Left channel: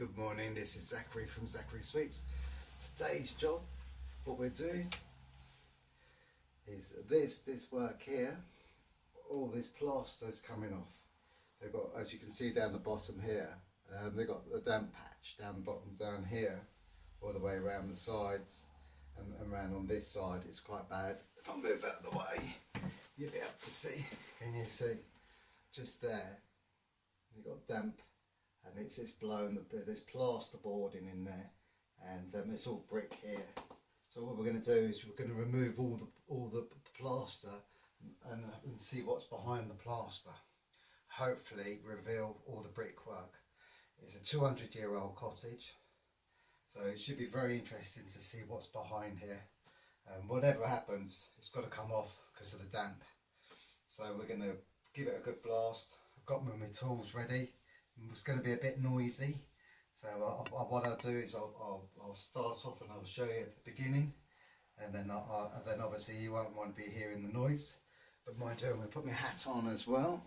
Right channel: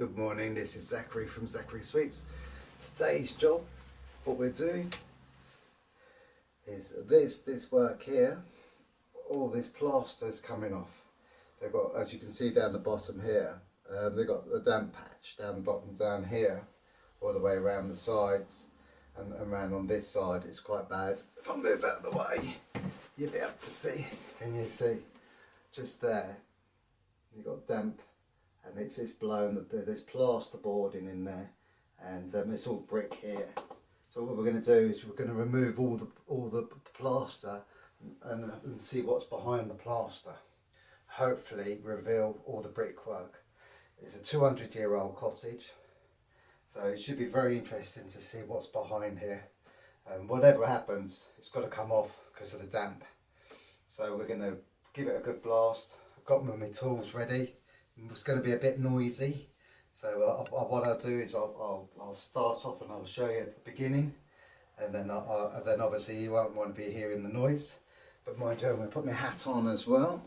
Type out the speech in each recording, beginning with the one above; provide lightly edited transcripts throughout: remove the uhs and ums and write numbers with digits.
Good morning, this is Zachary from Zachary Sweeps. Today's job, what we're doing is this work here. All this plaster's coming off. They've got, as you can see down the bottom here, they've got a damp patch down the bottom down here, all the way around the sides and around on this side. It's quite bad. If I move out of the way, you'll be able to see. Can you see? Just there, you've got damp. And it's just blown, there's plaster boarding in there, and it's all brick here. So what we're going to do is we're going to remove all the plaster and see what's behind the plaster. Hopefully reveal all the brickwork. It's a 200-year-old cottage, so it should be very interesting to see what's behind here. Whatever happens, it's got to come off because of the damp. So we're going to give it a good blast. I've got my tools ready. It's going to be a bit noisy, so what I'll do is I'll start off and I'll show you at the beginning, and then obviously you won't want to be hearing the noise. But mind you, I'm going to put my hat on as well.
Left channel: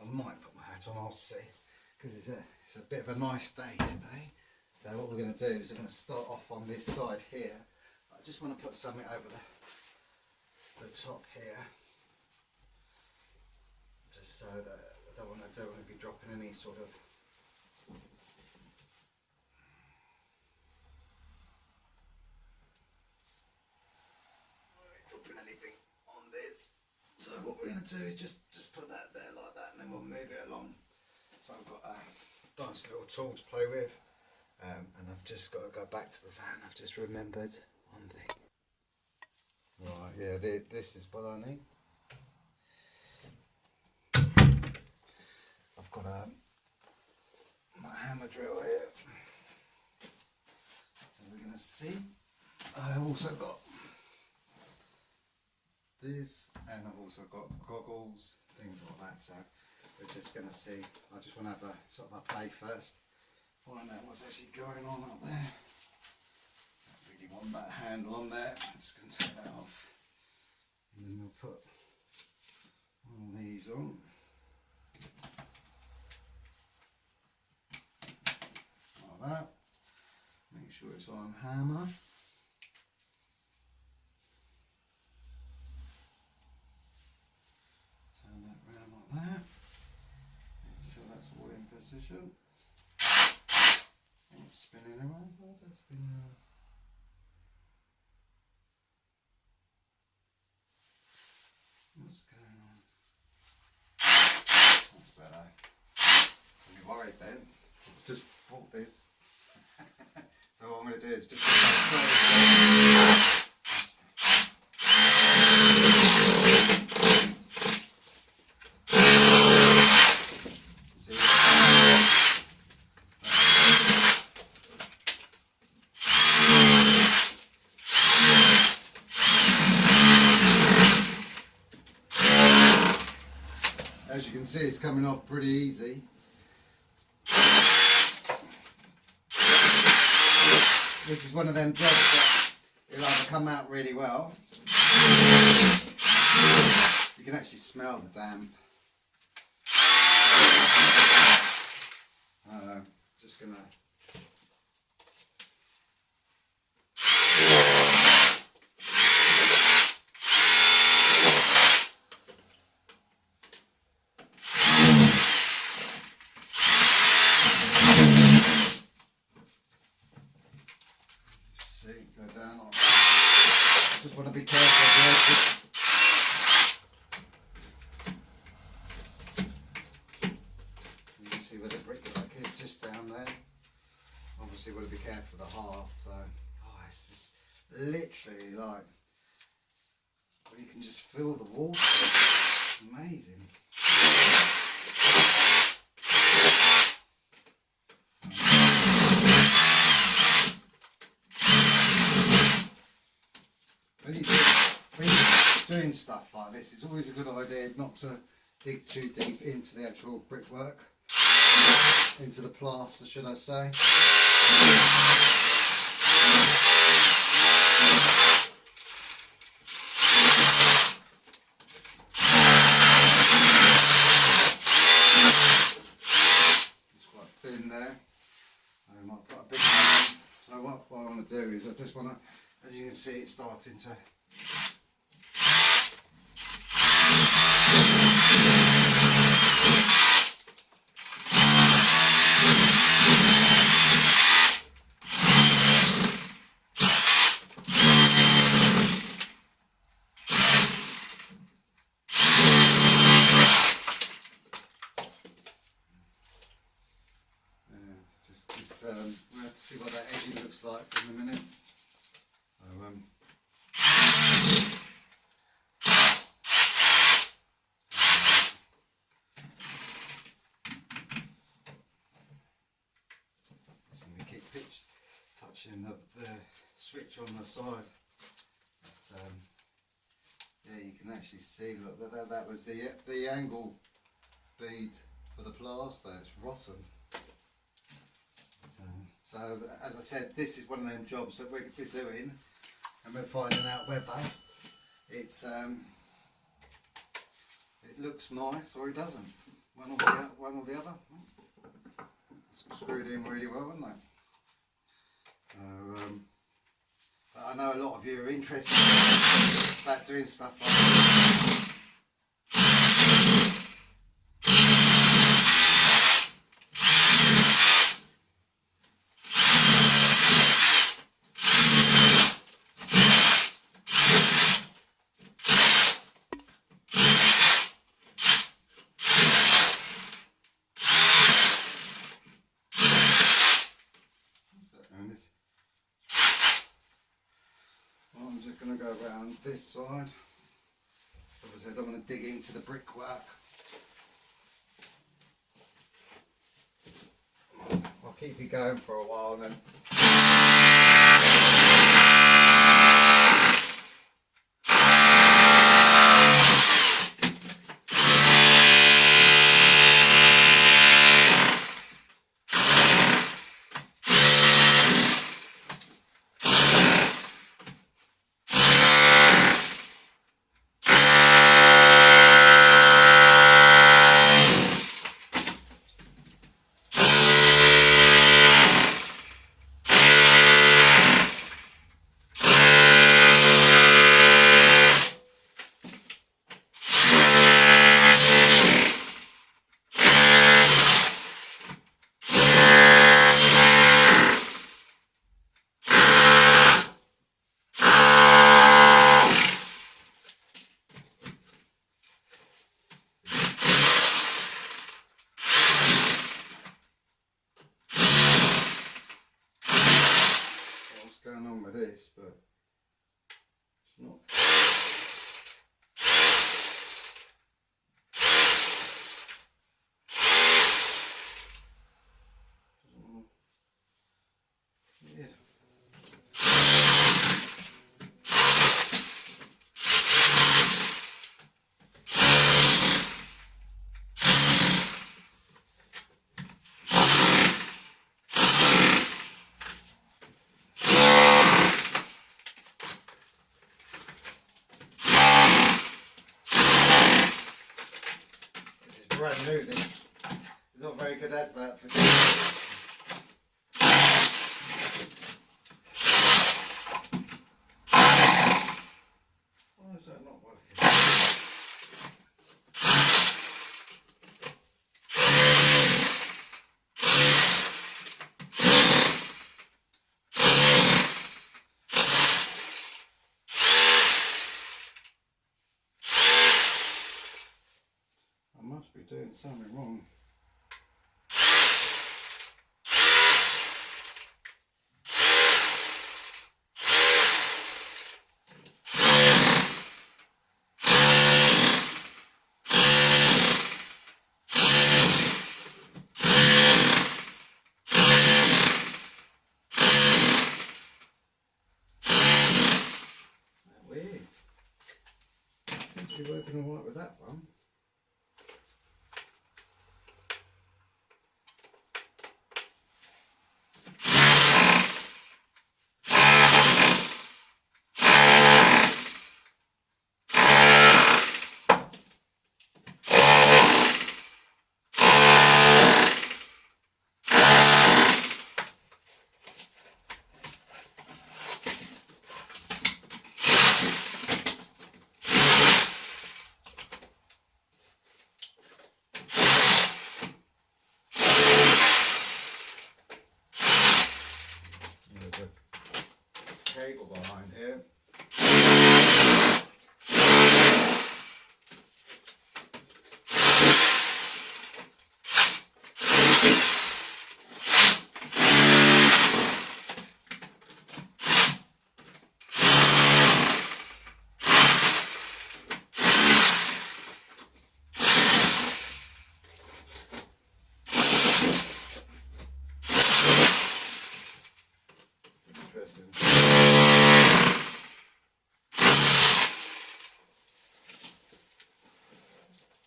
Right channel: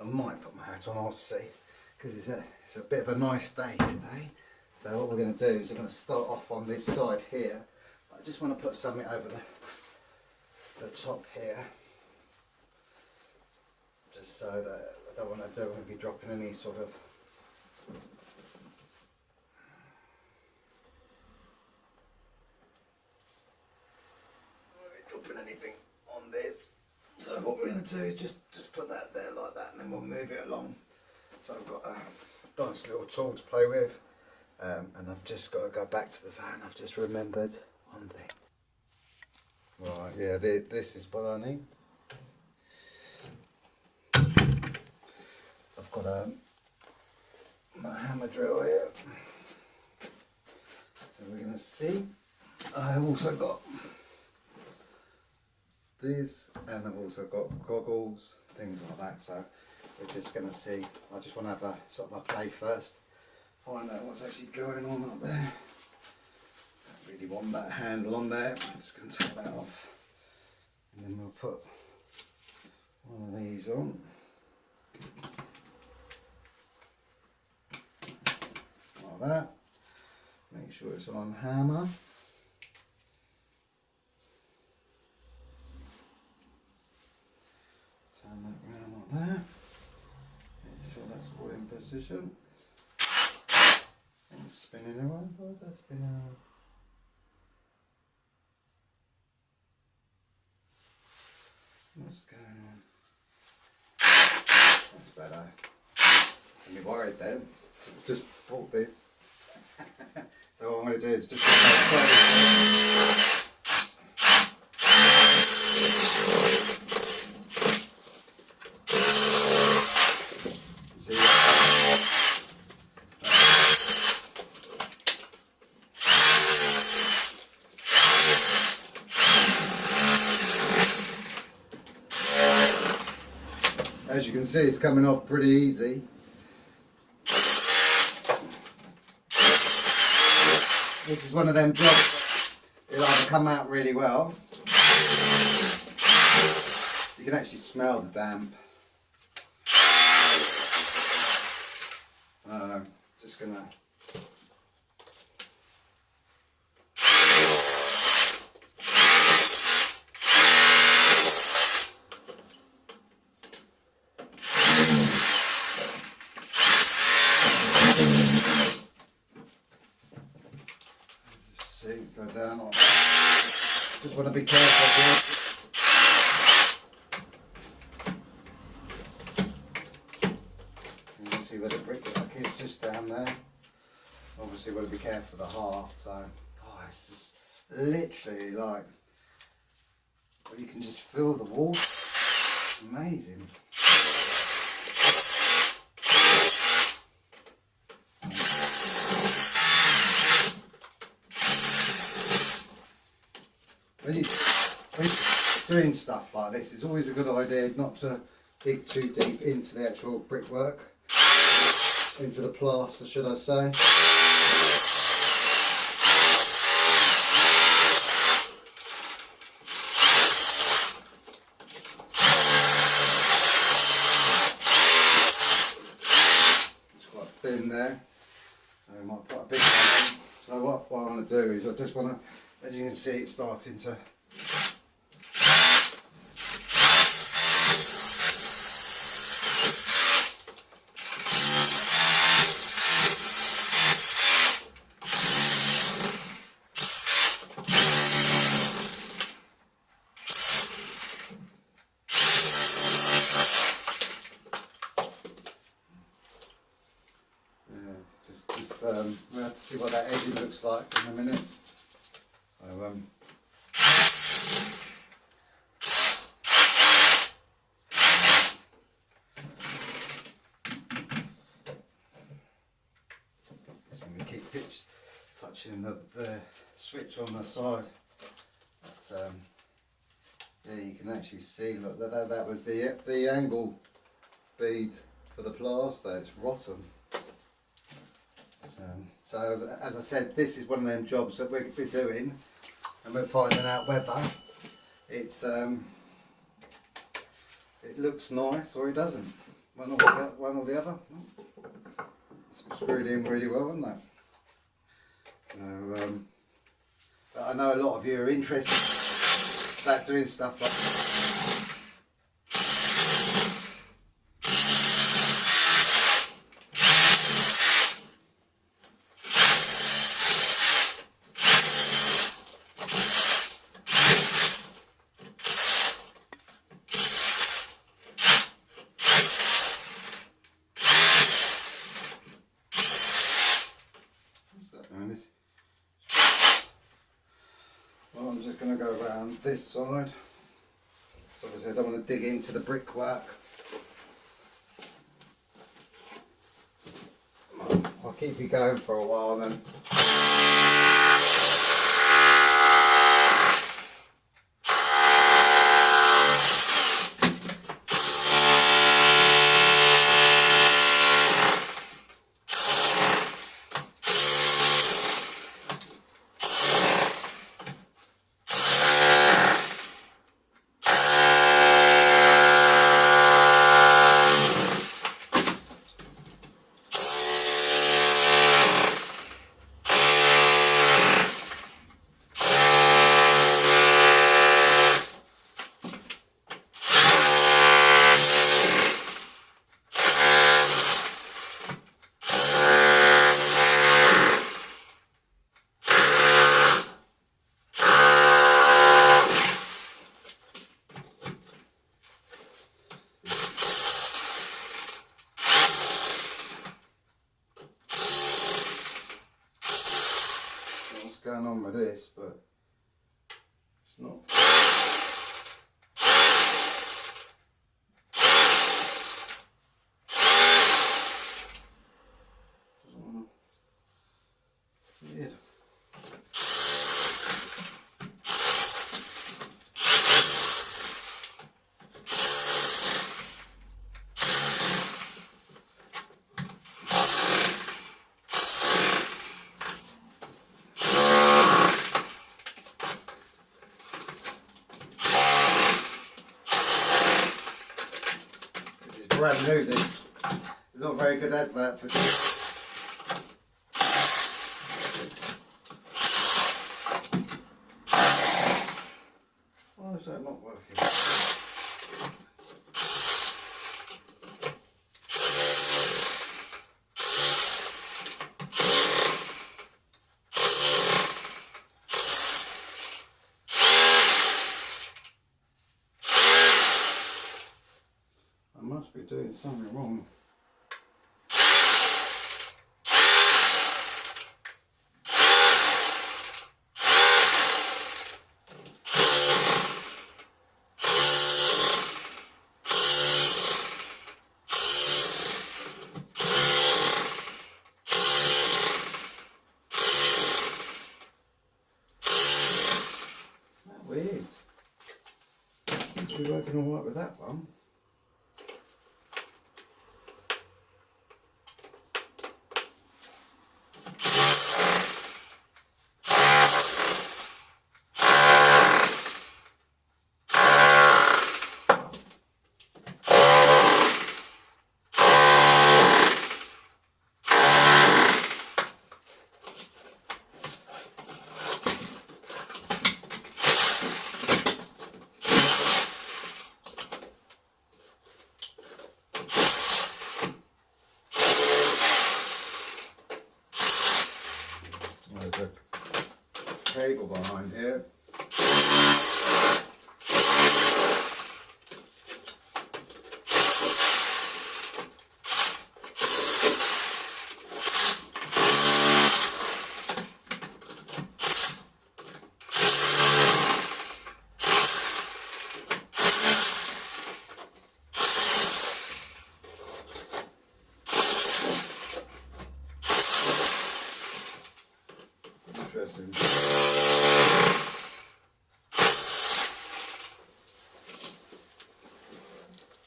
I might put my hat on, I'll see, because it's a bit of a nice day today. So what we're going to do is we're going to start off on this side here. I just want to put something over the top here, just so that I don't want to be dropping any sort of dropping anything on this. So what we're going to do is just put that there like that, and then we'll move it along. So I've got a nice little tool to play with, and I've just got to go back to the van. I've just remembered one thing. Right, yeah, this is what I need. I've got my hammer drill here, so we're going to see. I've also got this, and I've also got goggles, things like that. So we're just going to see. I just want to have a sort of a play first, find out what's actually going on up there. Don't really want that handle on there. I'm just going to take that off, and then we'll put one of these on. That, make sure it's on hammer. Turn that round like that. Make sure that's all in position. And it's spinning around. Where's that spinning around? What's going on? That's better. Don't be worried then. It's just bought this. So what I'm going to do is just as you can see, it's coming off pretty easy. This is one of them jobs that it'll either come out really well. You can actually smell the damp. Just gonna. Go down. Just want to be careful. You can see where the brickwork is, just down there. Obviously, want to be careful of the heart. So, oh, it's just literally like, well, you can just feel the water. It's amazing. When you're doing stuff like this, it's always a good idea not to dig too deep into the actual brickwork, into the plaster, should I say. It's quite thin there. I might put a bit in. So what I want to do is I just want to, as you can see, it's starting to. We'll have to see what that edging looks like in a minute. So, just going to keep touching the switch on the side. But, yeah, you can actually see, look, that was the angle bead for the plaster. It's rotten. So as I said, this is one of them jobs that we're doing, and we're finding out whether it's it looks nice or it doesn't. One or the other. It's screwed in really well, isn't that? So, but I know a lot of you are interested about doing stuff like this. Well, I'm just going to go around this side. So obviously I don't want to dig into the brickwork. I'll keep you going for a while then. Going on with this, but it's not. Yeah. Brand new, this. It's not a very good advert for this. Why is that not working? I must be doing something wrong. That's weird. Seems to be working all right with that one. go behind here. Interesting.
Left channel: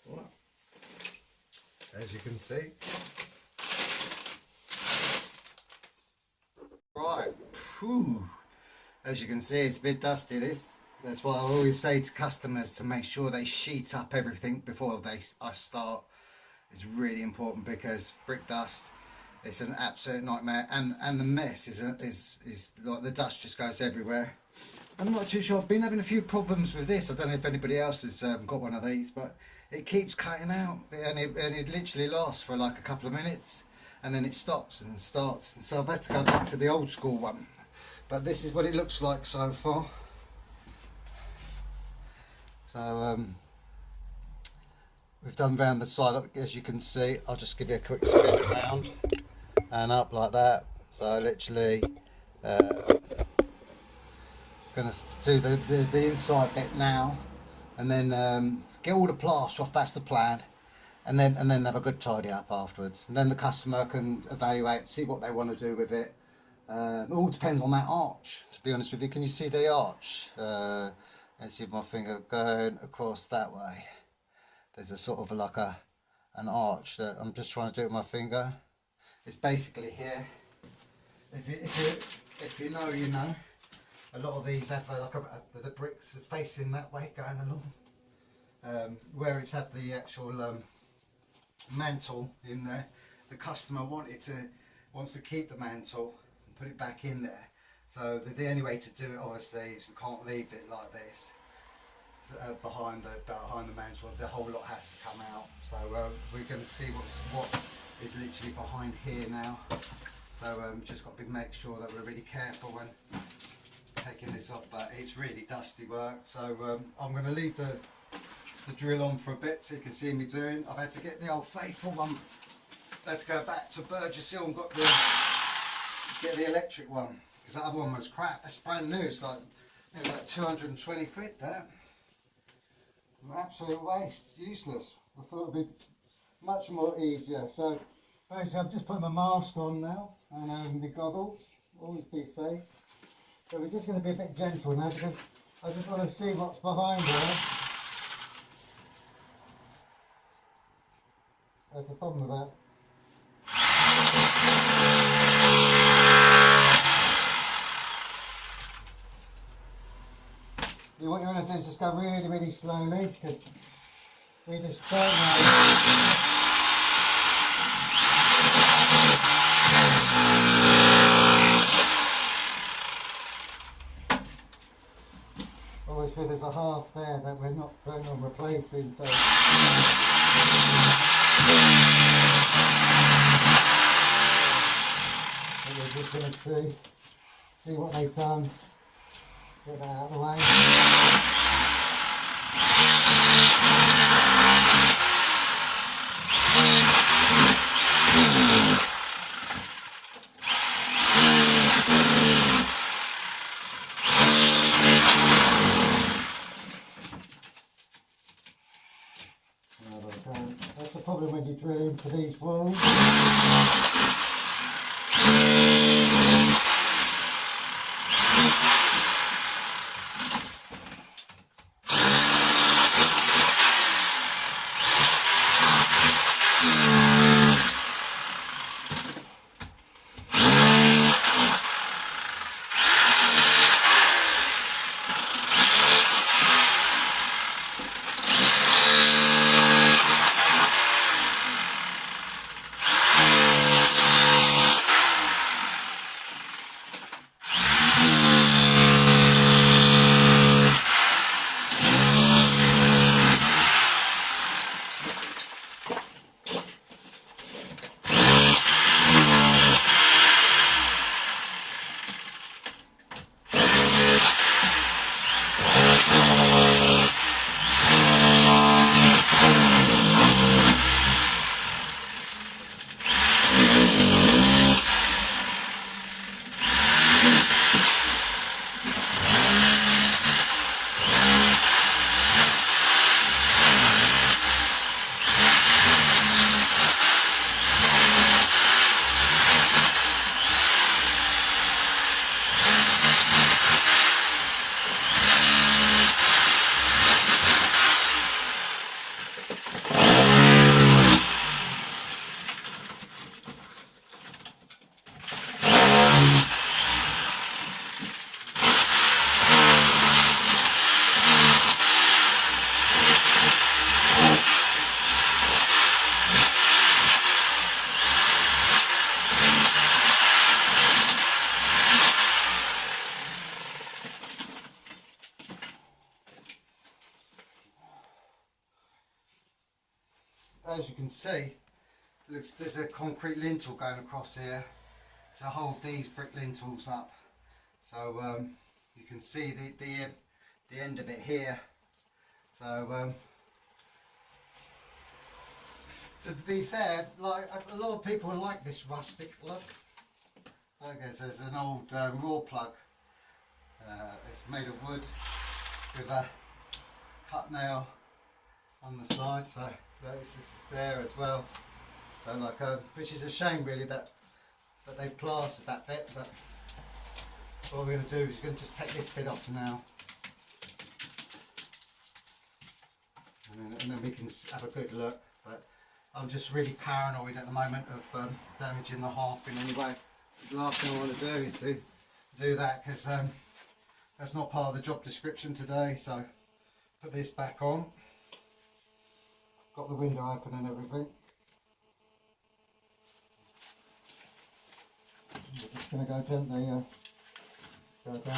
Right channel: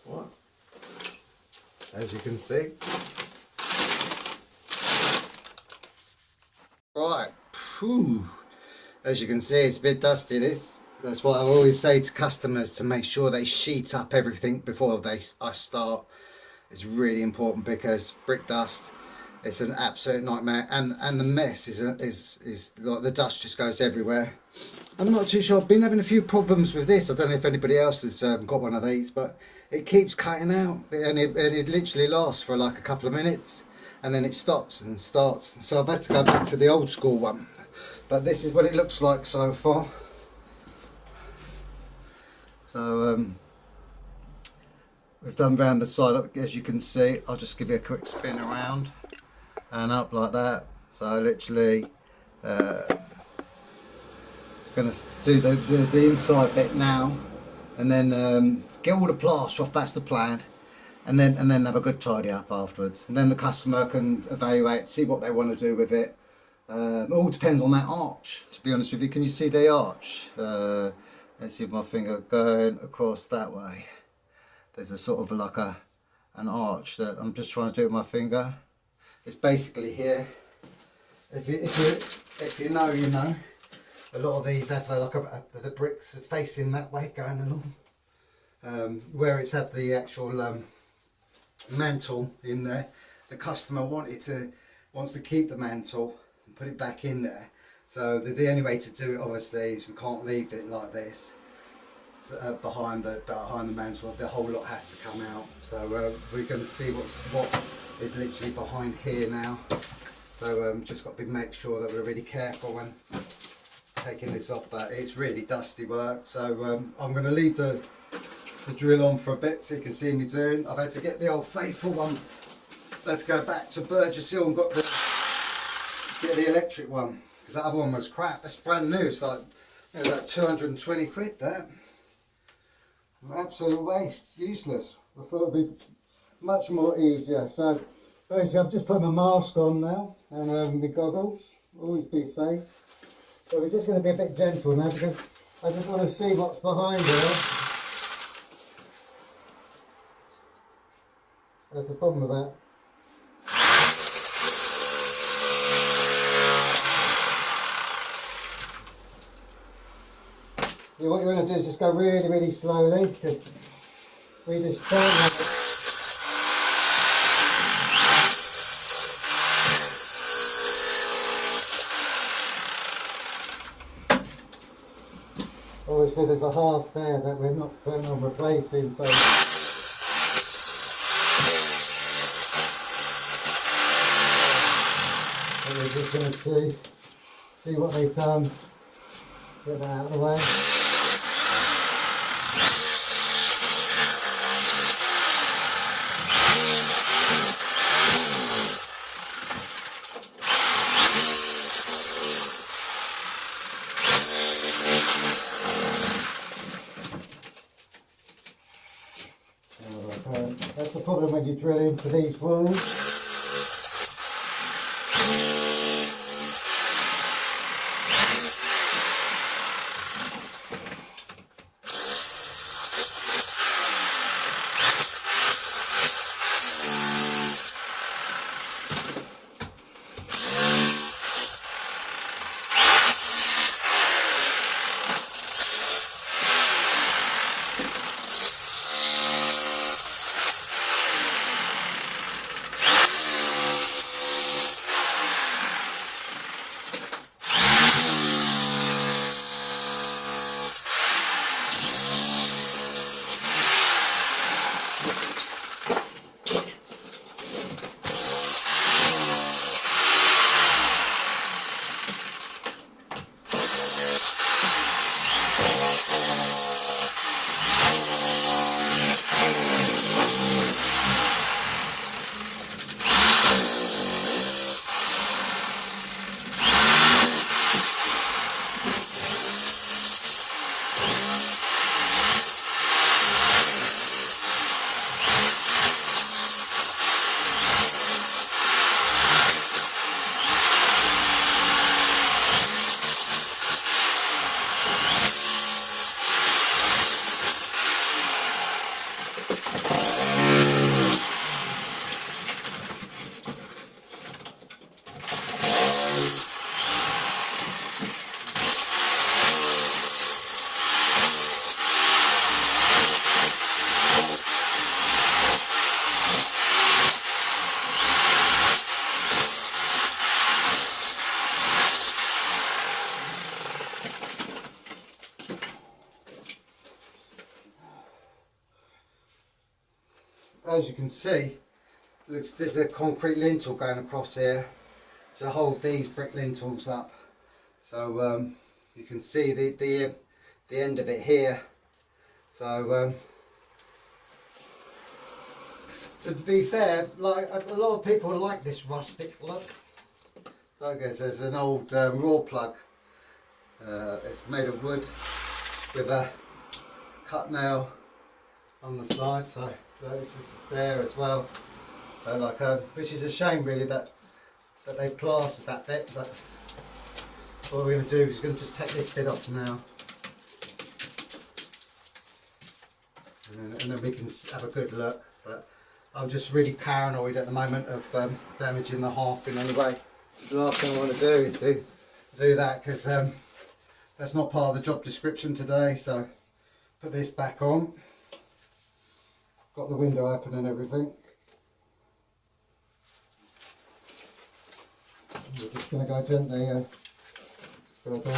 What? As you can see. Right. Whew. As you can see, it's a bit dusty, this. That's why I always say to customers to make sure they sheet up everything before I start. It's really important because brick dust, it's an absolute nightmare, and the mess is like the dust just goes everywhere. I'm not too sure. I've been having a few problems with this. I don't know if anybody else has got one of these, but it keeps cutting out, and it literally lasts for like a couple of minutes, and then it stops and starts. So I've had to go back to the old school one. But this is what it looks like so far. So we've done round the side, as you can see. I'll just give you a quick spin around and up like that. So literally going to do the inside bit now, and then get all the plaster off. That's the plan, and then have a good tidy up afterwards, and then the customer can evaluate, see what they want to do with it. It all depends on that arch, to be honest with you. Can you see the arch? Let's see if my finger going across that way. There's a sort of like an arch that I'm just trying to do with my finger. It's basically here. If you know, you know. A lot of these have the bricks facing that way, going along. Where it's had the actual mantle in there, the customer wants to keep the mantle and put it back in there. So the only way to do it, obviously, is we can't leave it like this. So, behind the mantle, the whole lot has to come out. So we're going to see what is literally behind here now. So just got to make sure that we're really careful when taking this off. But it's really dusty work. So I'm going to leave the drill on for a bit so you can see me doing. I've had to get the old faithful one. Let's go back to Burgess Hill and get the electric one, because that other one was crap. It's brand new. It's like, it was like 220 quid there. Absolute waste, useless. I thought it'd be much more easier. So basically I've just put my mask on now, and my goggles. Always be safe. So we're just going to be a bit gentle now, because I just want to see what's behind there. That's the problem with that. What you're going to do is just go really, really slowly, because we just don't know. Obviously there's a half there that we're not planning on replacing, so we're just going to see what they've done. Get that out of the way. That's the problem when you drill into these walls. as you can see, looks there's a concrete lintel going across here to hold these brick lintels up. So you can see the end of it here. So to be fair, like a lot of people like this rustic look. Like there's an old raw plug. It's made of wood with a cut nail on the side, so this is there as well. So like, which is a shame really that they've plastered that bit. But what we're going to do is we're going to just take this bit off now, and then we can have a good look. But I'm just really paranoid at the moment of damaging the half in any way. The last thing I want to do is do that, because that's not part of the job description today. So put this back on. Got the window open and everything. We're just going to go gently go down there.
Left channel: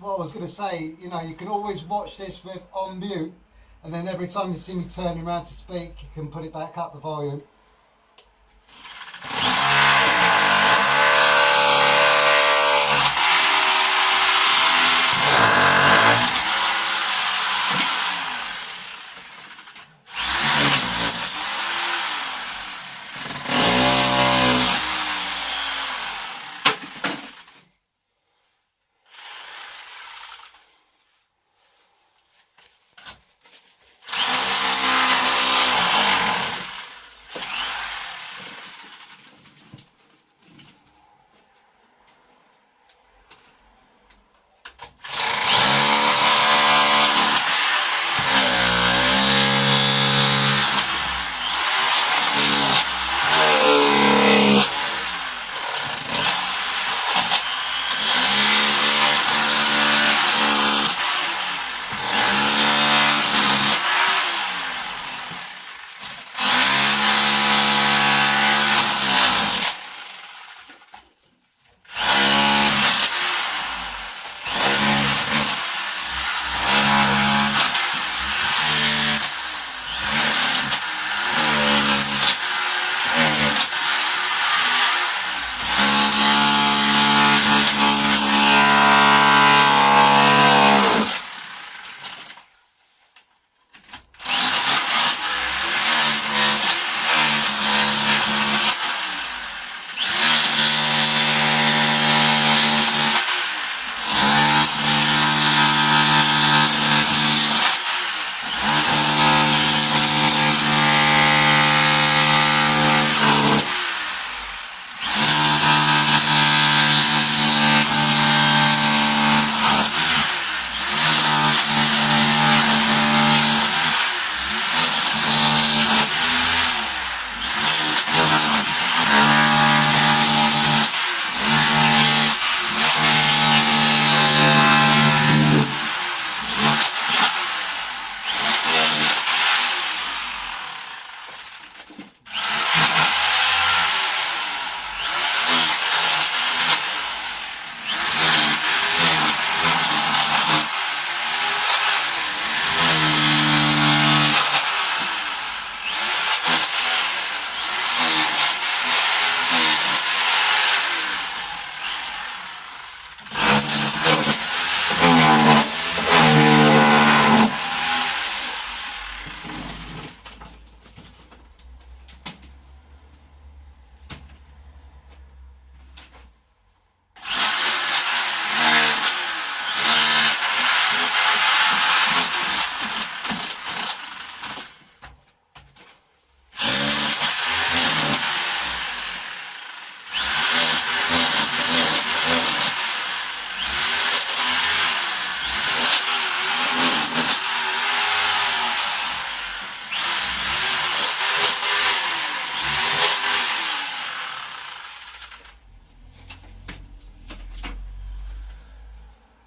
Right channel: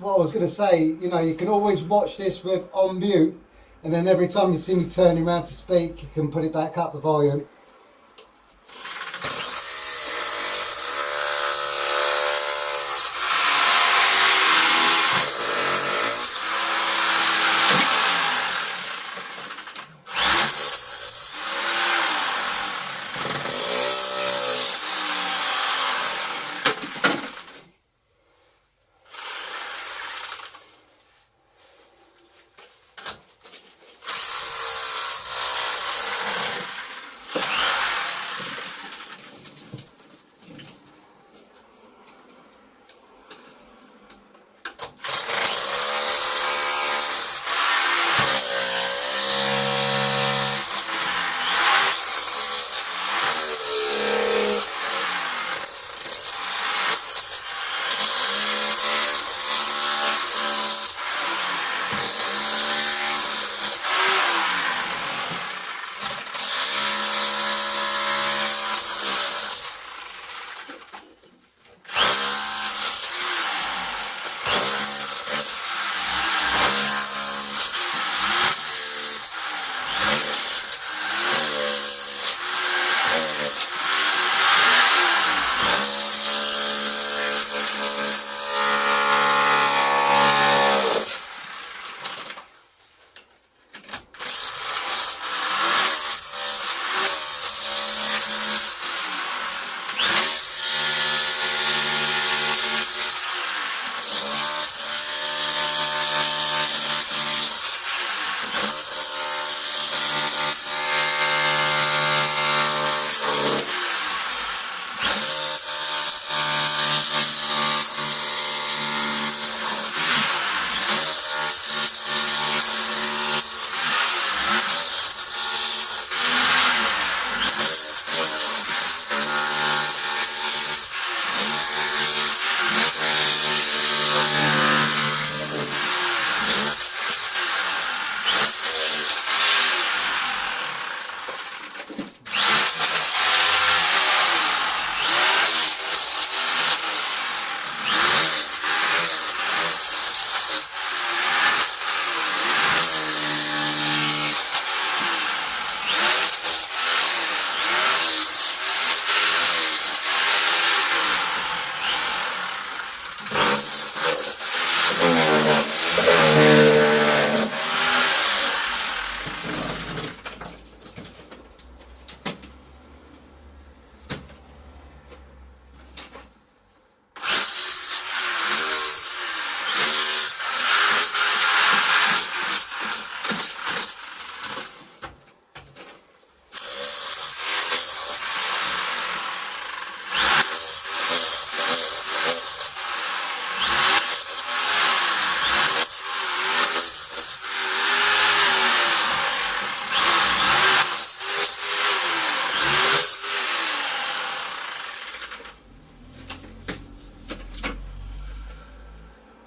What I was going to say, you know, you can always watch this with on mute, and then every time you see me turning around to speak, you can put it back up the volume.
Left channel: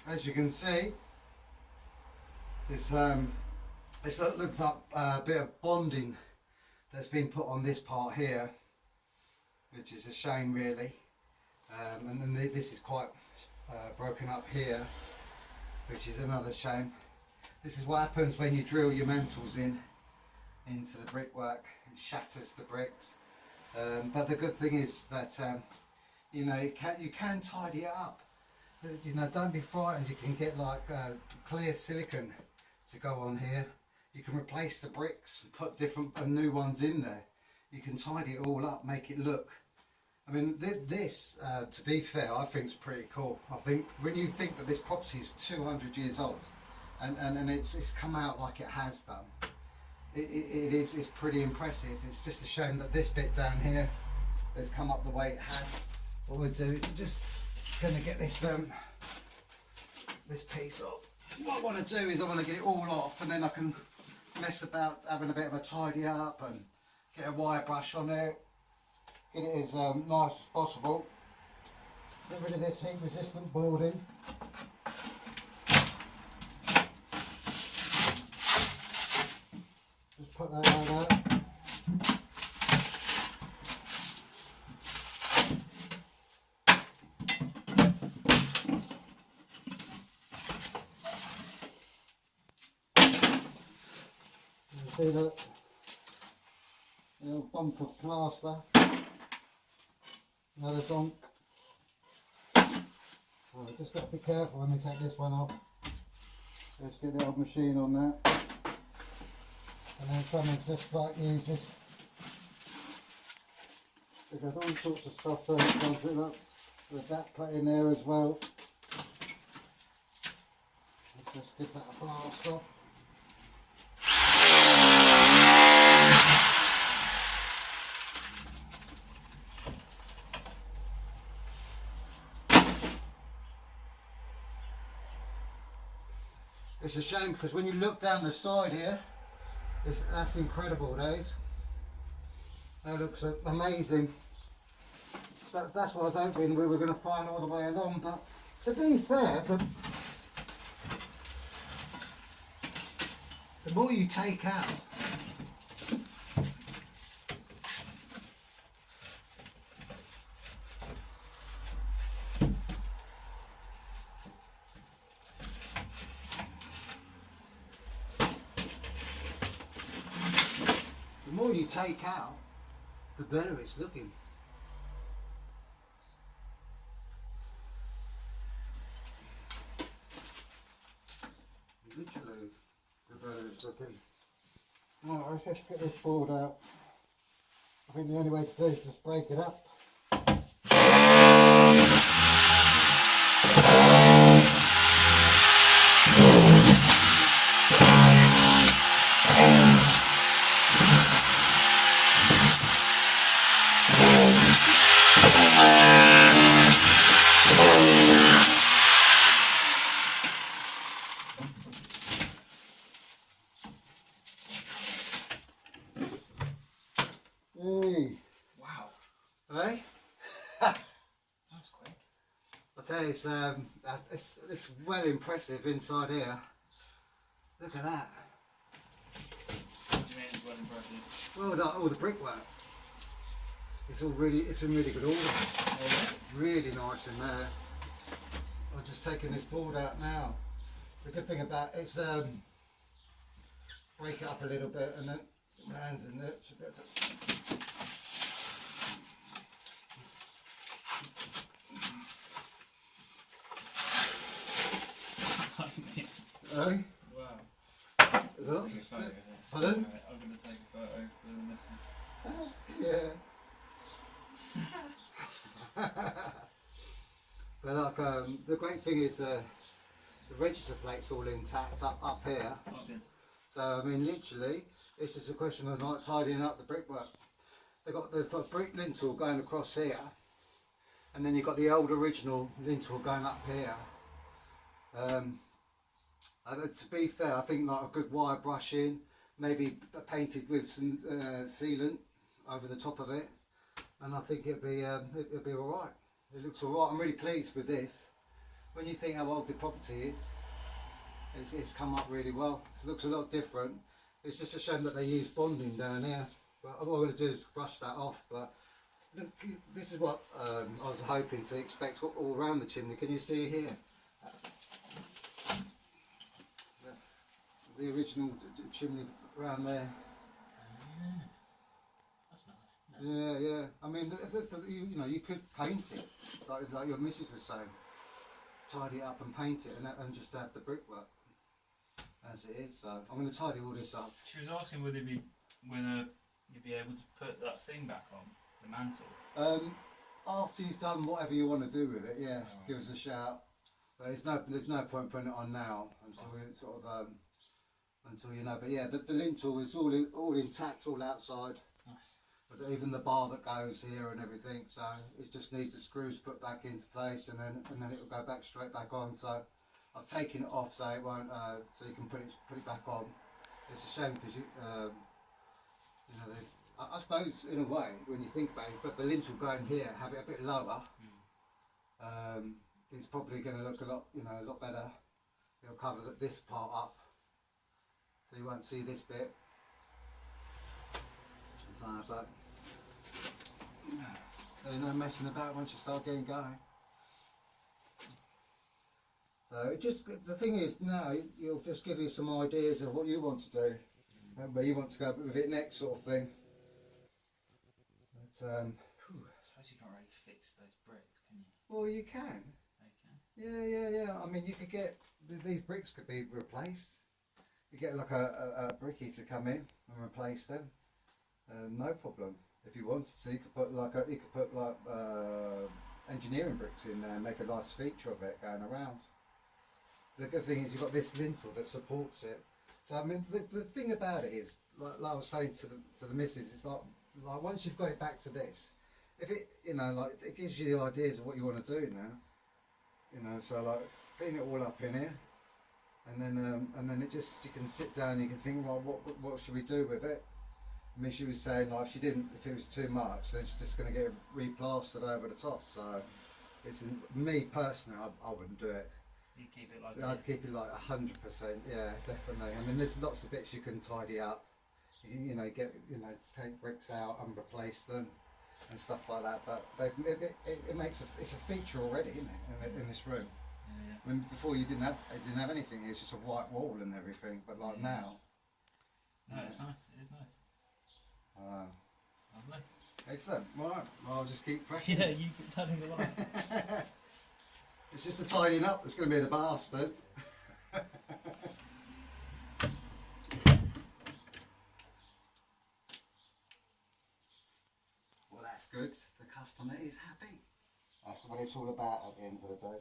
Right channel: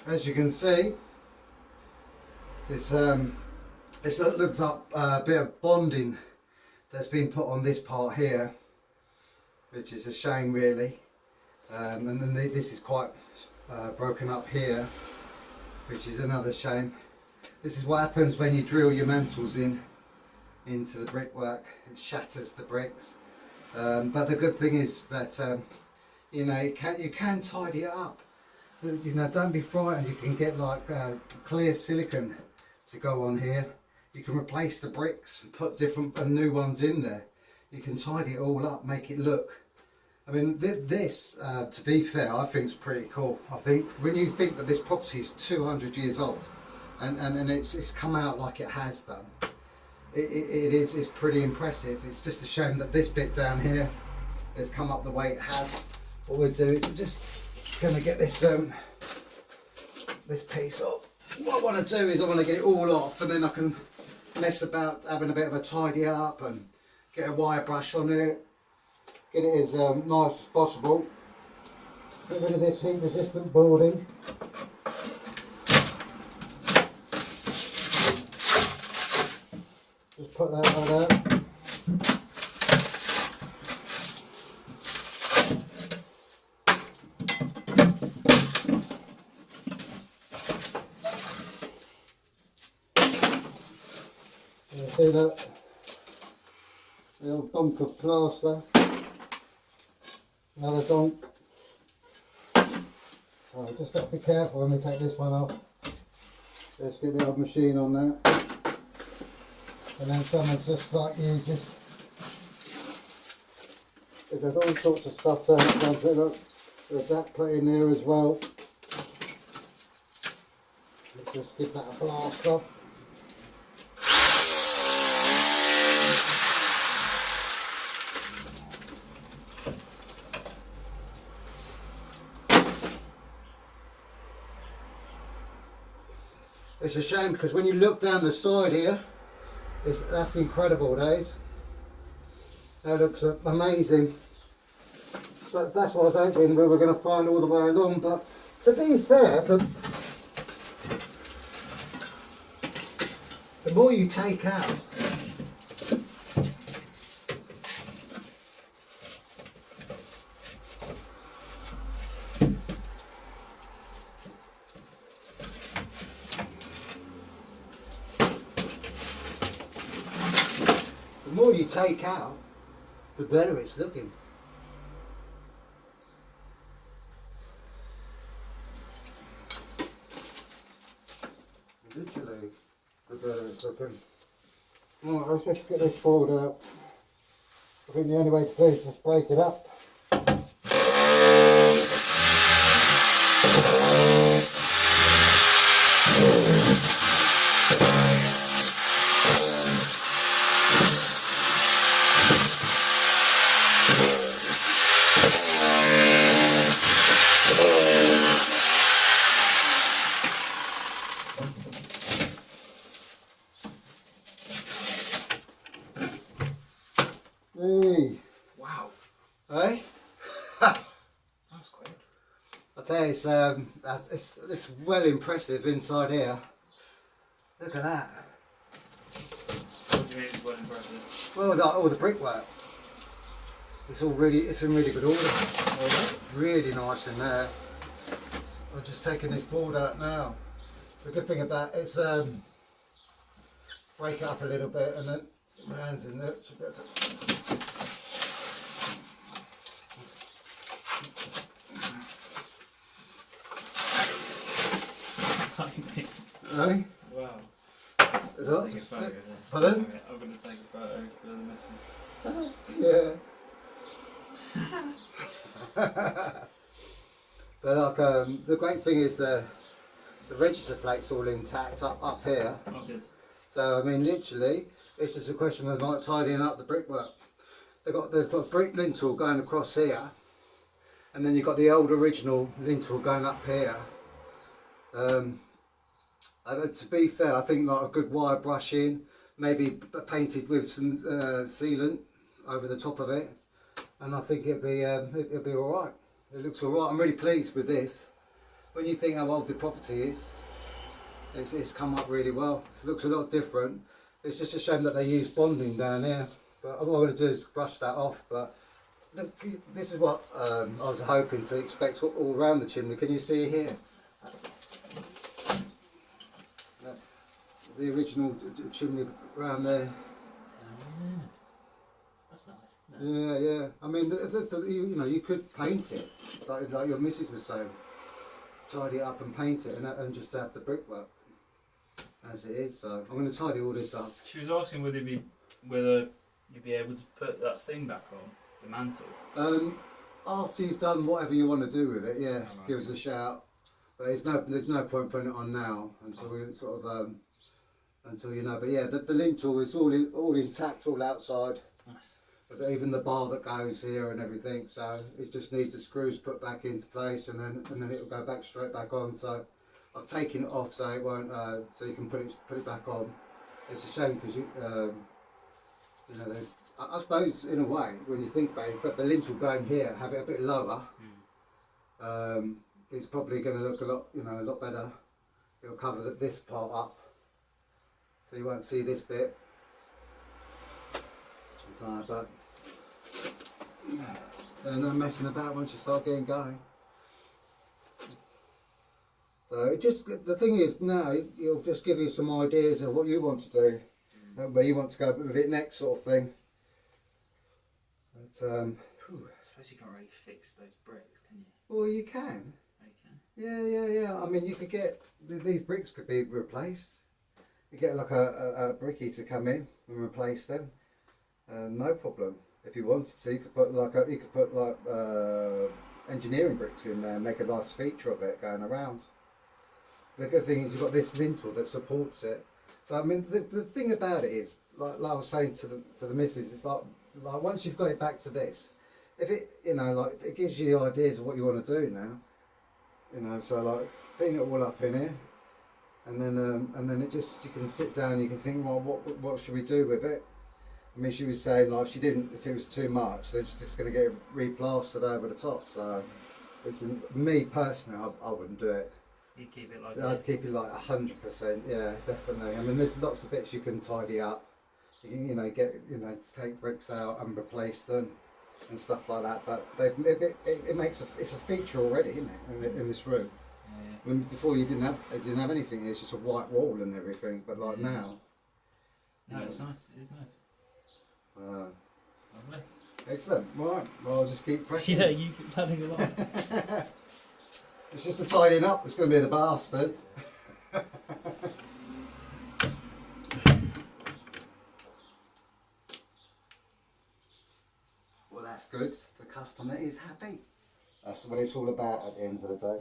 As you can see, this looks up a bit of bonding that's been put on this part here, which is a shame really. And then this is quite broken up here, which is another shame. This is what happens when you drill your mantles into the brickwork. It shatters the bricks. But the good thing is that you know, you can tidy it up. You know, don't be frightened. You can get like clear silicone to go on here. You can replace the bricks and put different new ones in there. You can tidy it all up, make it look. I mean, this, to be fair, I think is pretty cool. I think when you think that this property is 200 years old, and it's come out like it has done, it's pretty impressive. It's just a shame that this bit down here has come up the way it has. What we'll do is just going to get this this piece off. What I want to do is I want to get it all off, and then I can mess about having a bit of a tidy up and get a wire brush on it, get it as nice as possible. Get rid of this heat resistant boarding. Just put that like that. See that little donk of plaster, another donk. Oh, just got to be careful when we take this one off. Let's get the old machine on that, and then someone's just like use this. There's all sorts of stuff there that comes with it. There's that put in there as well. Let's just give that a blast off. It's a shame because when you look down the side here, that's incredible, days. That looks amazing. So that's what I was hoping we were going to find all the way along. But to be fair, the more you take out, the better it's looking. Literally, the better it's looking. Right, let's just get this board out. I think the only way to do is just break it up. Hey. Wow. Hey? That's quick. I tell you, it's well impressive inside here. Look at that. What do you mean it's well impressive? Well, all the brickwork. It's in really good order. Really nice in there. I'm just taking this board out now. The good thing about it's break it up a little bit and then my hands in there. Should be able to. Hey? Wow. Is that? Take a photo of this. Pardon? I'm going to take a photo for the message. Yeah. But like, the great thing is the the register plate's all intact up here. Oh, good. So I mean, literally, it's just a question of like tidying up the brickwork. They've got a brick lintel going across here, and then you've got the old original lintel going up here. To be fair, I think like a good wire brushing, maybe painted with some sealant over the top of it, and I think it'll be all right. It looks all right. I'm really pleased with this. When you think how old the property is, it's come up really well. It looks a lot different. It's just a shame that they use bonding down here. But all I'm going to do is brush that off. But look, this is what I was hoping to expect all around the chimney. Can you see here? The original chimney around there. That's nice. Yeah. I mean, you know, you could paint it, like your missus was saying. Tidy it up and paint it, and just have the brickwork as it is. So I'm going to tidy all this up. She was asking whether you'd be able to put that thing back on the mantle. After you've done whatever you want to do with it, yeah, Right. give us a shout. But there's no point putting it on now until we sort of until you know. But yeah, the lintel is all intact, all outside. Nice. But even the bar that goes here and everything, so it just needs the screws put back into place, and then it'll go back straight back on. So I've taken it off so it won't, so you can put it back on. It's a shame because you know, I suppose in a way when you think about it, but the lintel going here, have it a bit lower. It's probably going to look a lot better. It'll cover this part up, so you won't see this bit. So, but there's no messing about once you start getting going. So the thing is now it'll just give you some ideas of what you want to do, where you want to go with it next, sort of thing. But I suppose you can't really fix those bricks, can you? well, you can. Okay. Yeah. I mean, you could get these bricks could be replaced. You get like a brickie to come in and replace them. No problem. If you wanted to, you could put like engineering bricks in there and make a nice feature of it going around. The good thing is you've got this lintel that supports it. So I mean, the thing about it is, like I was saying to the missus, it's like once you've got it back to this, if it, you know, like it gives you the ideas of what you want to do now. You know, so like clean it all up in here, and then it just, you can sit down and you can think, well, what should we do with it? I mean, she was saying like if it was too much, then she's just going to get it replastered over the top. So, me personally, I wouldn't do it. You'd keep it like I'd keep it like 100%. Yeah, definitely. I mean, there's lots of bits you can tidy up. You know, take bricks out and replace them and stuff like that. But it makes it's a feature already, isn't it, in this room? Yeah. When before you didn't have anything. It's just a white wall and everything. But like now. No, it's nice. It is nice. Lovely. Excellent. Right. Well, I'll just keep cracking. Yeah, you keep padding along. It's just the tidying up that's going to be the bastard. Well, that's good. The customer is happy. That's what it's all about at the end of the day.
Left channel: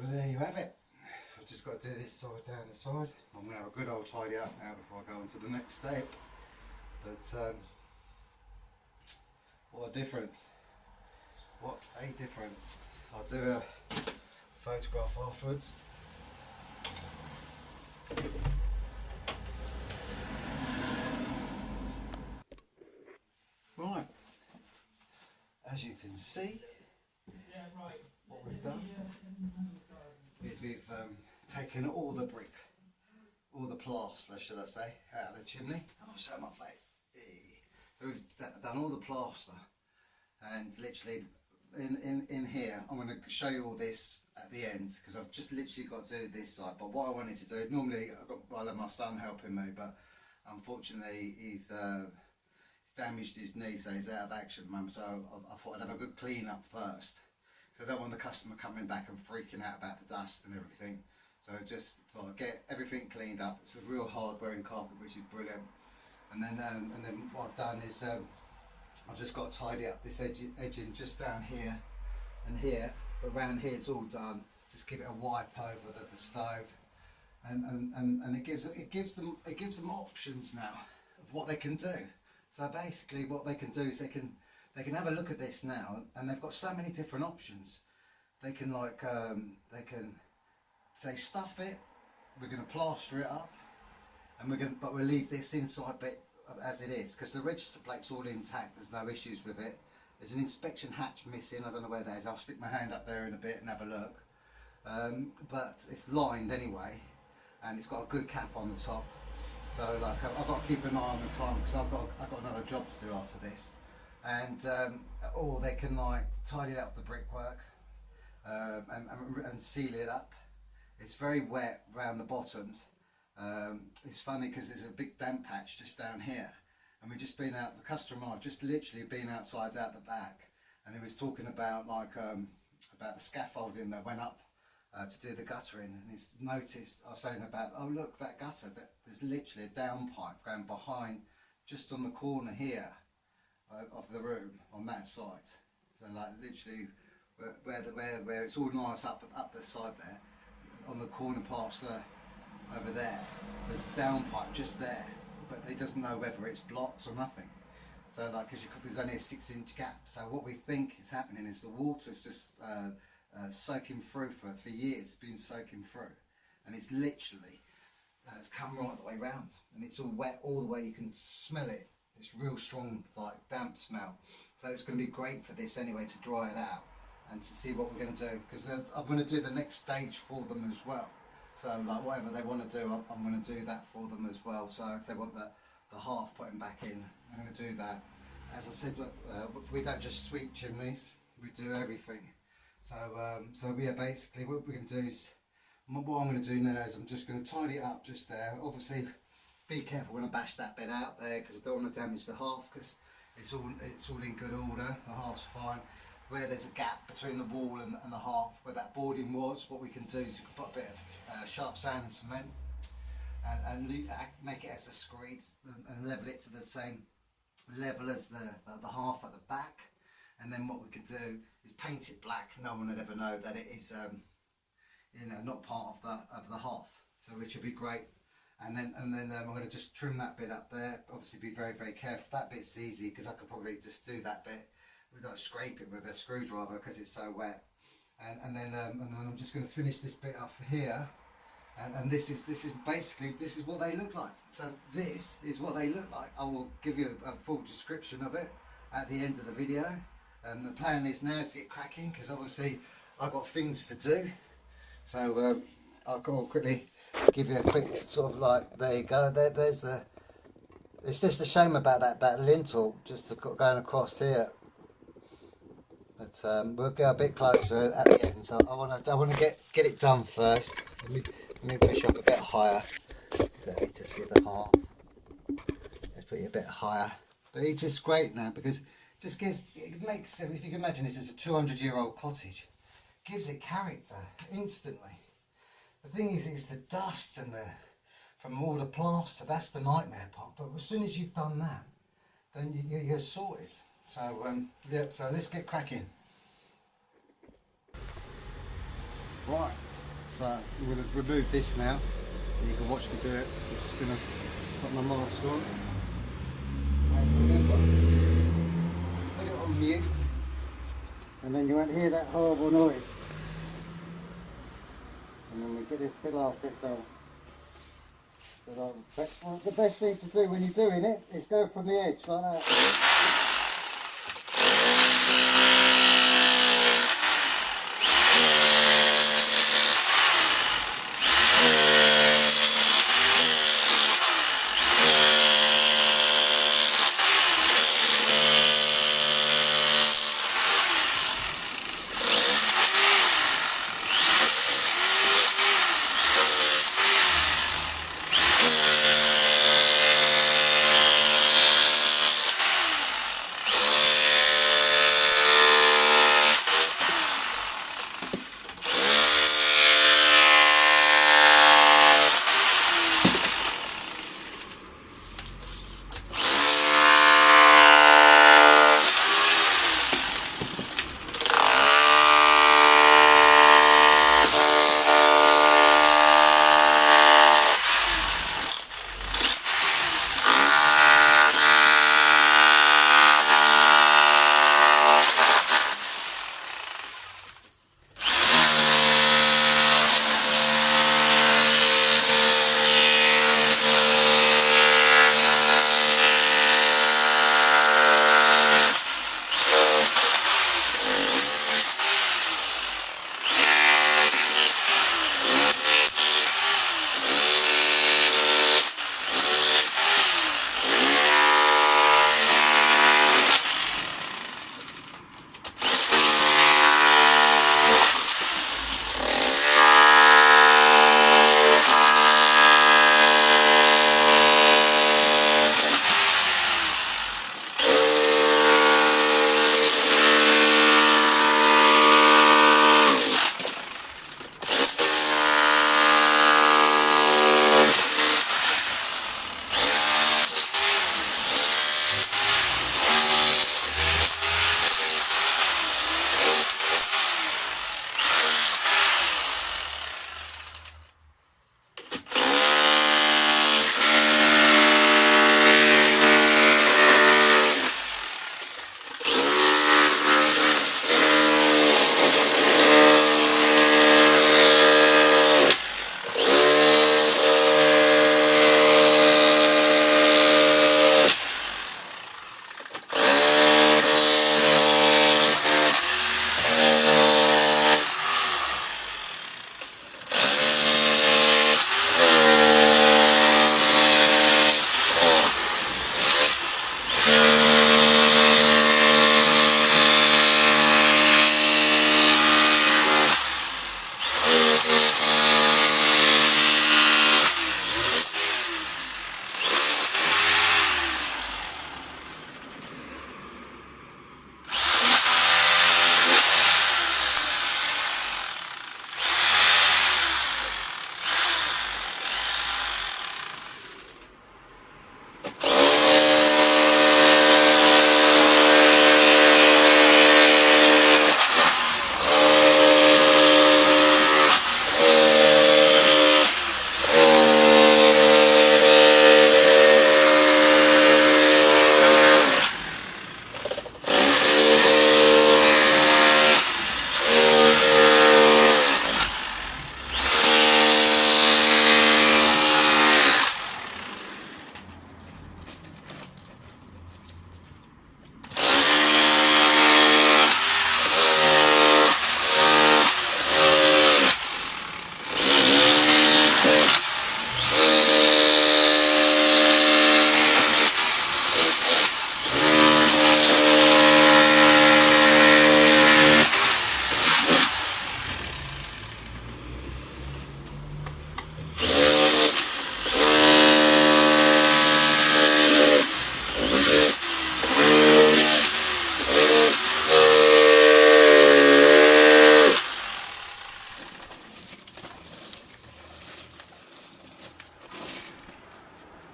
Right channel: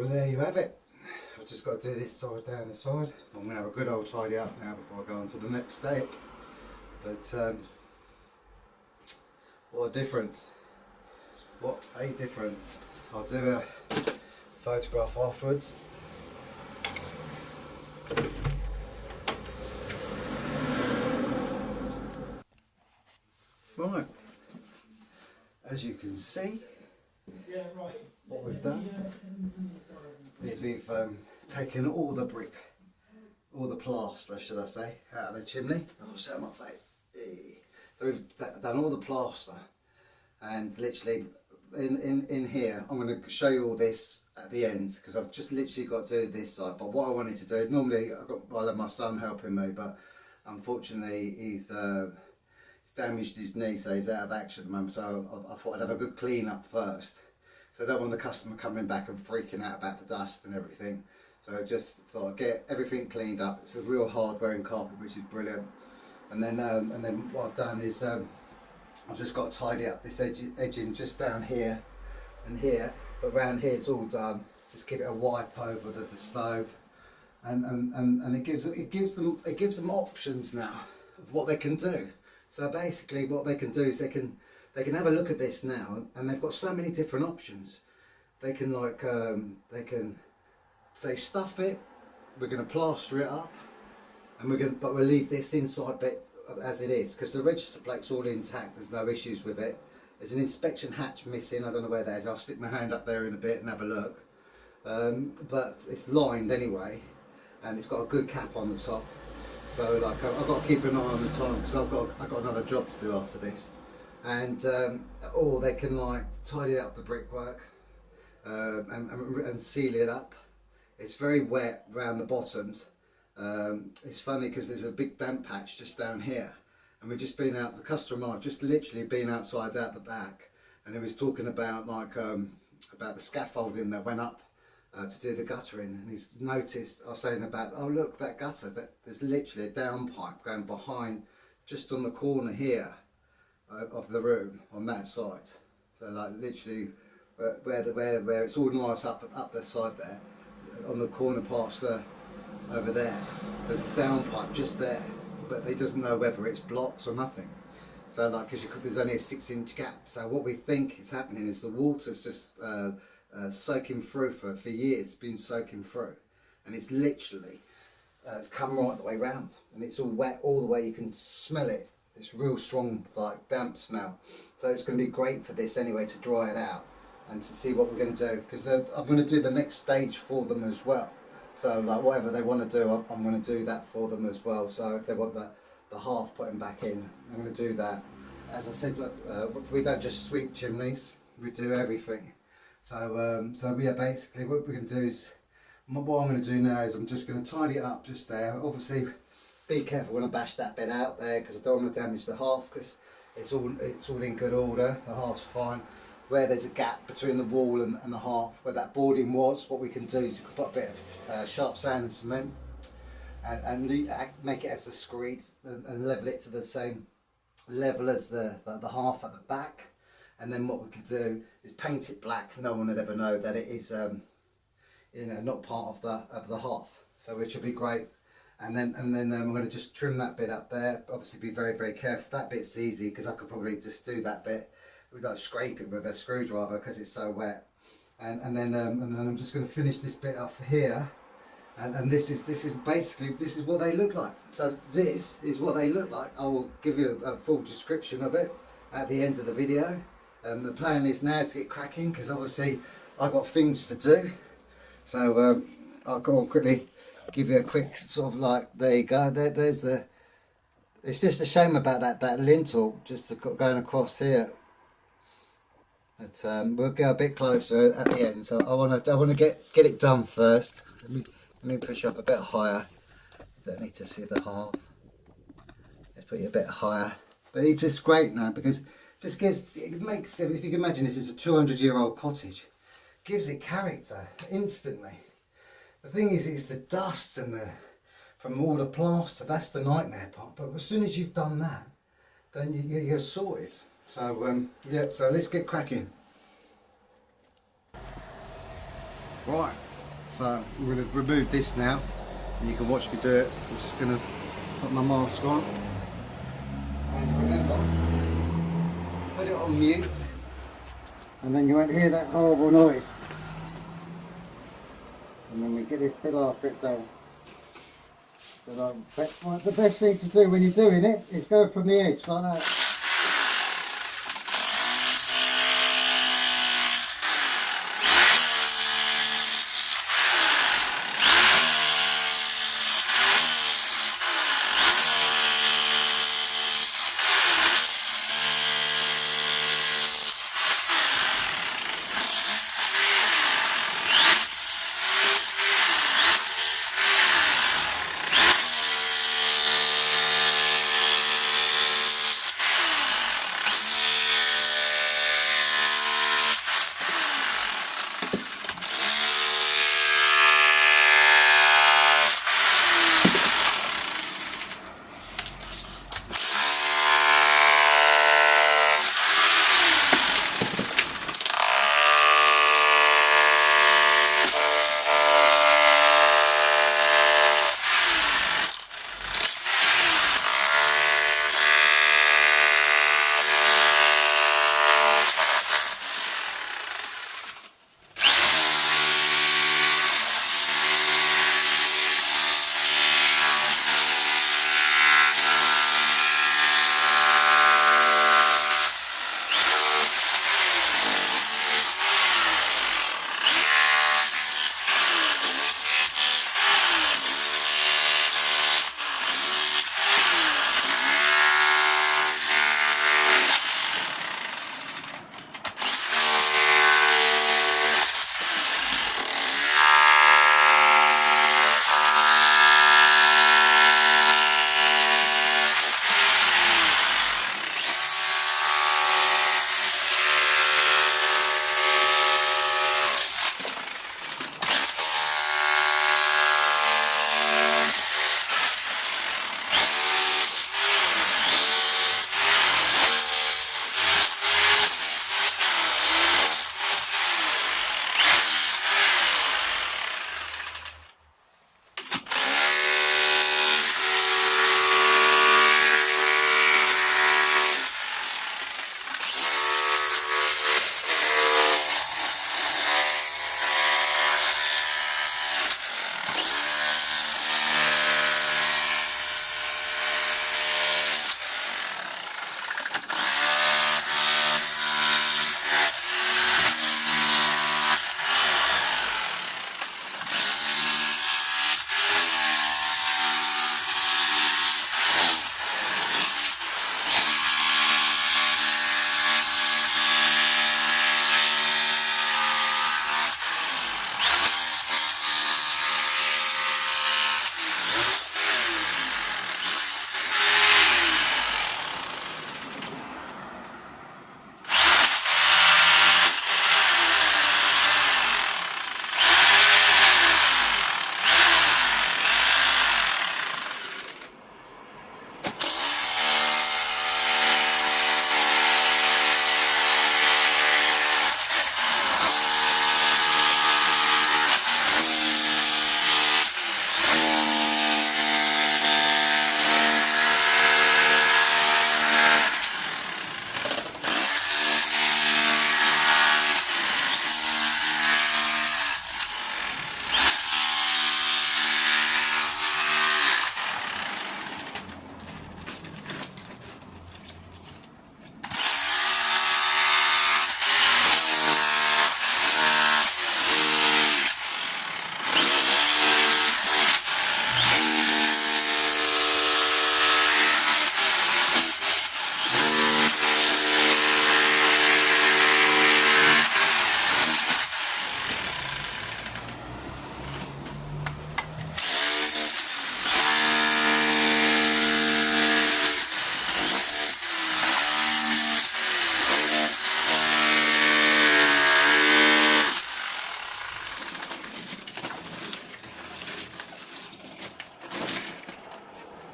Well, there you have it. I've just got to do this side down the side. I'm going to have a good old tidy up now before I go on to the next step. But what a difference. What a difference. I'll do a photograph afterwards. Right, as you can see, what we've done is we've taken all the brick, all the plaster, should I say, out of the chimney. I'll show my face. So we've done all the plaster, and literally in here, I'm going to show you all this at the end, because I've just literally got to do this side. But what I wanted to do, normally I'll have my son helping me, but unfortunately he's damaged his knee, so he's out of action at the moment. So I thought I'd have a good clean up first. So I don't want the customer coming back and freaking out about the dust and everything. So I just thought I'd get everything cleaned up. It's a real hard wearing carpet, which is brilliant. And then what I've done is I've just got to tidy up this edging just down here and here, but around here it's all done. Just give it a wipe over the stove, and it gives them options now of what they can do. So basically, what they can do is they can have a look at this now, and they've got so many different options. They can they can say stuff it. We're going to plaster it up, and we'll leave this inside bit as it is, because the register plate's all intact. There's no issues with it. There's an inspection hatch missing. I don't know where that is. I'll stick my hand up there in a bit and have a look. But it's lined anyway, and it's got a good cap on the top. So like I've got to keep an eye on the time, because I've got another job to do after this. And or they can like tidy up the brickwork and seal it up. It's very wet around the bottoms. It's funny because there's a big damp patch just down here, and we've just been out. The customer and I've just literally been outside out the back, and he was talking about like about the scaffolding that went up to do the guttering, and he's noticed. I was saying about, oh look, that gutter, there's literally a down pipe going behind, just on the corner here of the room on that side. So like literally where it's all nice up the side there, on the corner past over there, there's a down pipe just there, but he doesn't know whether it's blocked or nothing. So like, because there's only a 6-inch gap. So what we think is happening is the water's just soaking through for years. It's been soaking through, and it's literally it's come right the way round, and it's all wet all the way. You can smell it. It's real strong, like damp smell. So it's going to be great for this anyway, to dry it out and to see what we're going to do, because I'm going to do the next stage for them as well. So like whatever they want to do, I'm going to do that for them as well. So if they want the half putting back in, I'm going to do that. As I said, we don't just sweep chimneys, we do everything. So yeah, basically what we're going to do is, what I'm going to do now is I'm just going to tidy it up just there. Obviously, be careful when I bash that bit out there, because I don't want to damage the half, because it's all in good order. The half's fine. Where there's a gap between the wall and the half, where that boarding was, what we can do is you can put a bit of sharp sand and cement, and make it as discreet and level it to the same level as the half at the back. And then what we can do is paint it black. No one would ever know that it is not part of the half, so which will be great. And then we're going to just trim that bit up there. Obviously be very, very careful. That bit's easy, because I could probably just do that bit without scrape it with a screwdriver, because it's so wet. And then I'm just going to finish this bit off here. And this is basically, this is what they look like. So this is what they look like. I will give you a full description of it at the end of the video. The plan is now to get cracking, because obviously I've got things to do. So I'll go on quickly, give you a quick sort of like, there you go, there's the, it's just a shame about that lintel just going across here. But we'll go a bit closer at the end. So I want to get it done first. Let me push up a bit higher. Don't need to see the half. Let's put it a bit higher. But it's just great now, because it just gives, it makes, if you can imagine, this is a 200-year-old cottage. Gives it character instantly. The thing is, it's the dust and from all the plaster. That's the nightmare part. But as soon as you've done that, then you're sorted. So yeah, so let's get cracking. Right, So I'm going to remove this now, and you can watch me do it. I'm just going to put my mask on. And remember, put it on mute, and then you won't hear that horrible noise. And then we get this bit after it down. So the best thing to do when you're doing it is go from the edge like that.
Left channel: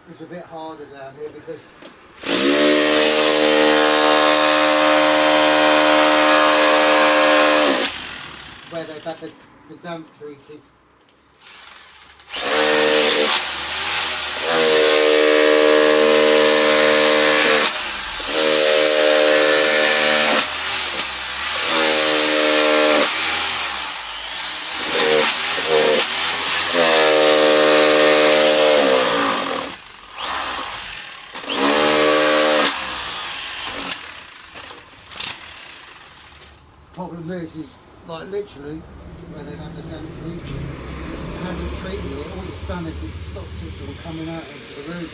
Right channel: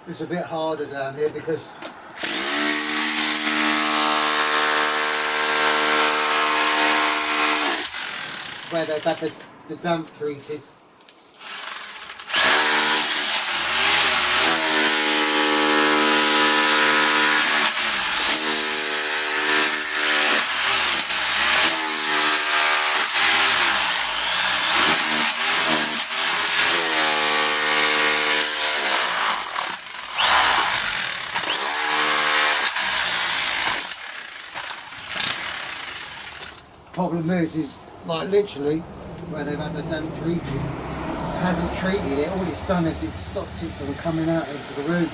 It's a bit harder down here because where they've had the damp treated, this is like literally where they've had the damp treated. It hasn't treated it, all it's done is it's stopped it from coming out into the room.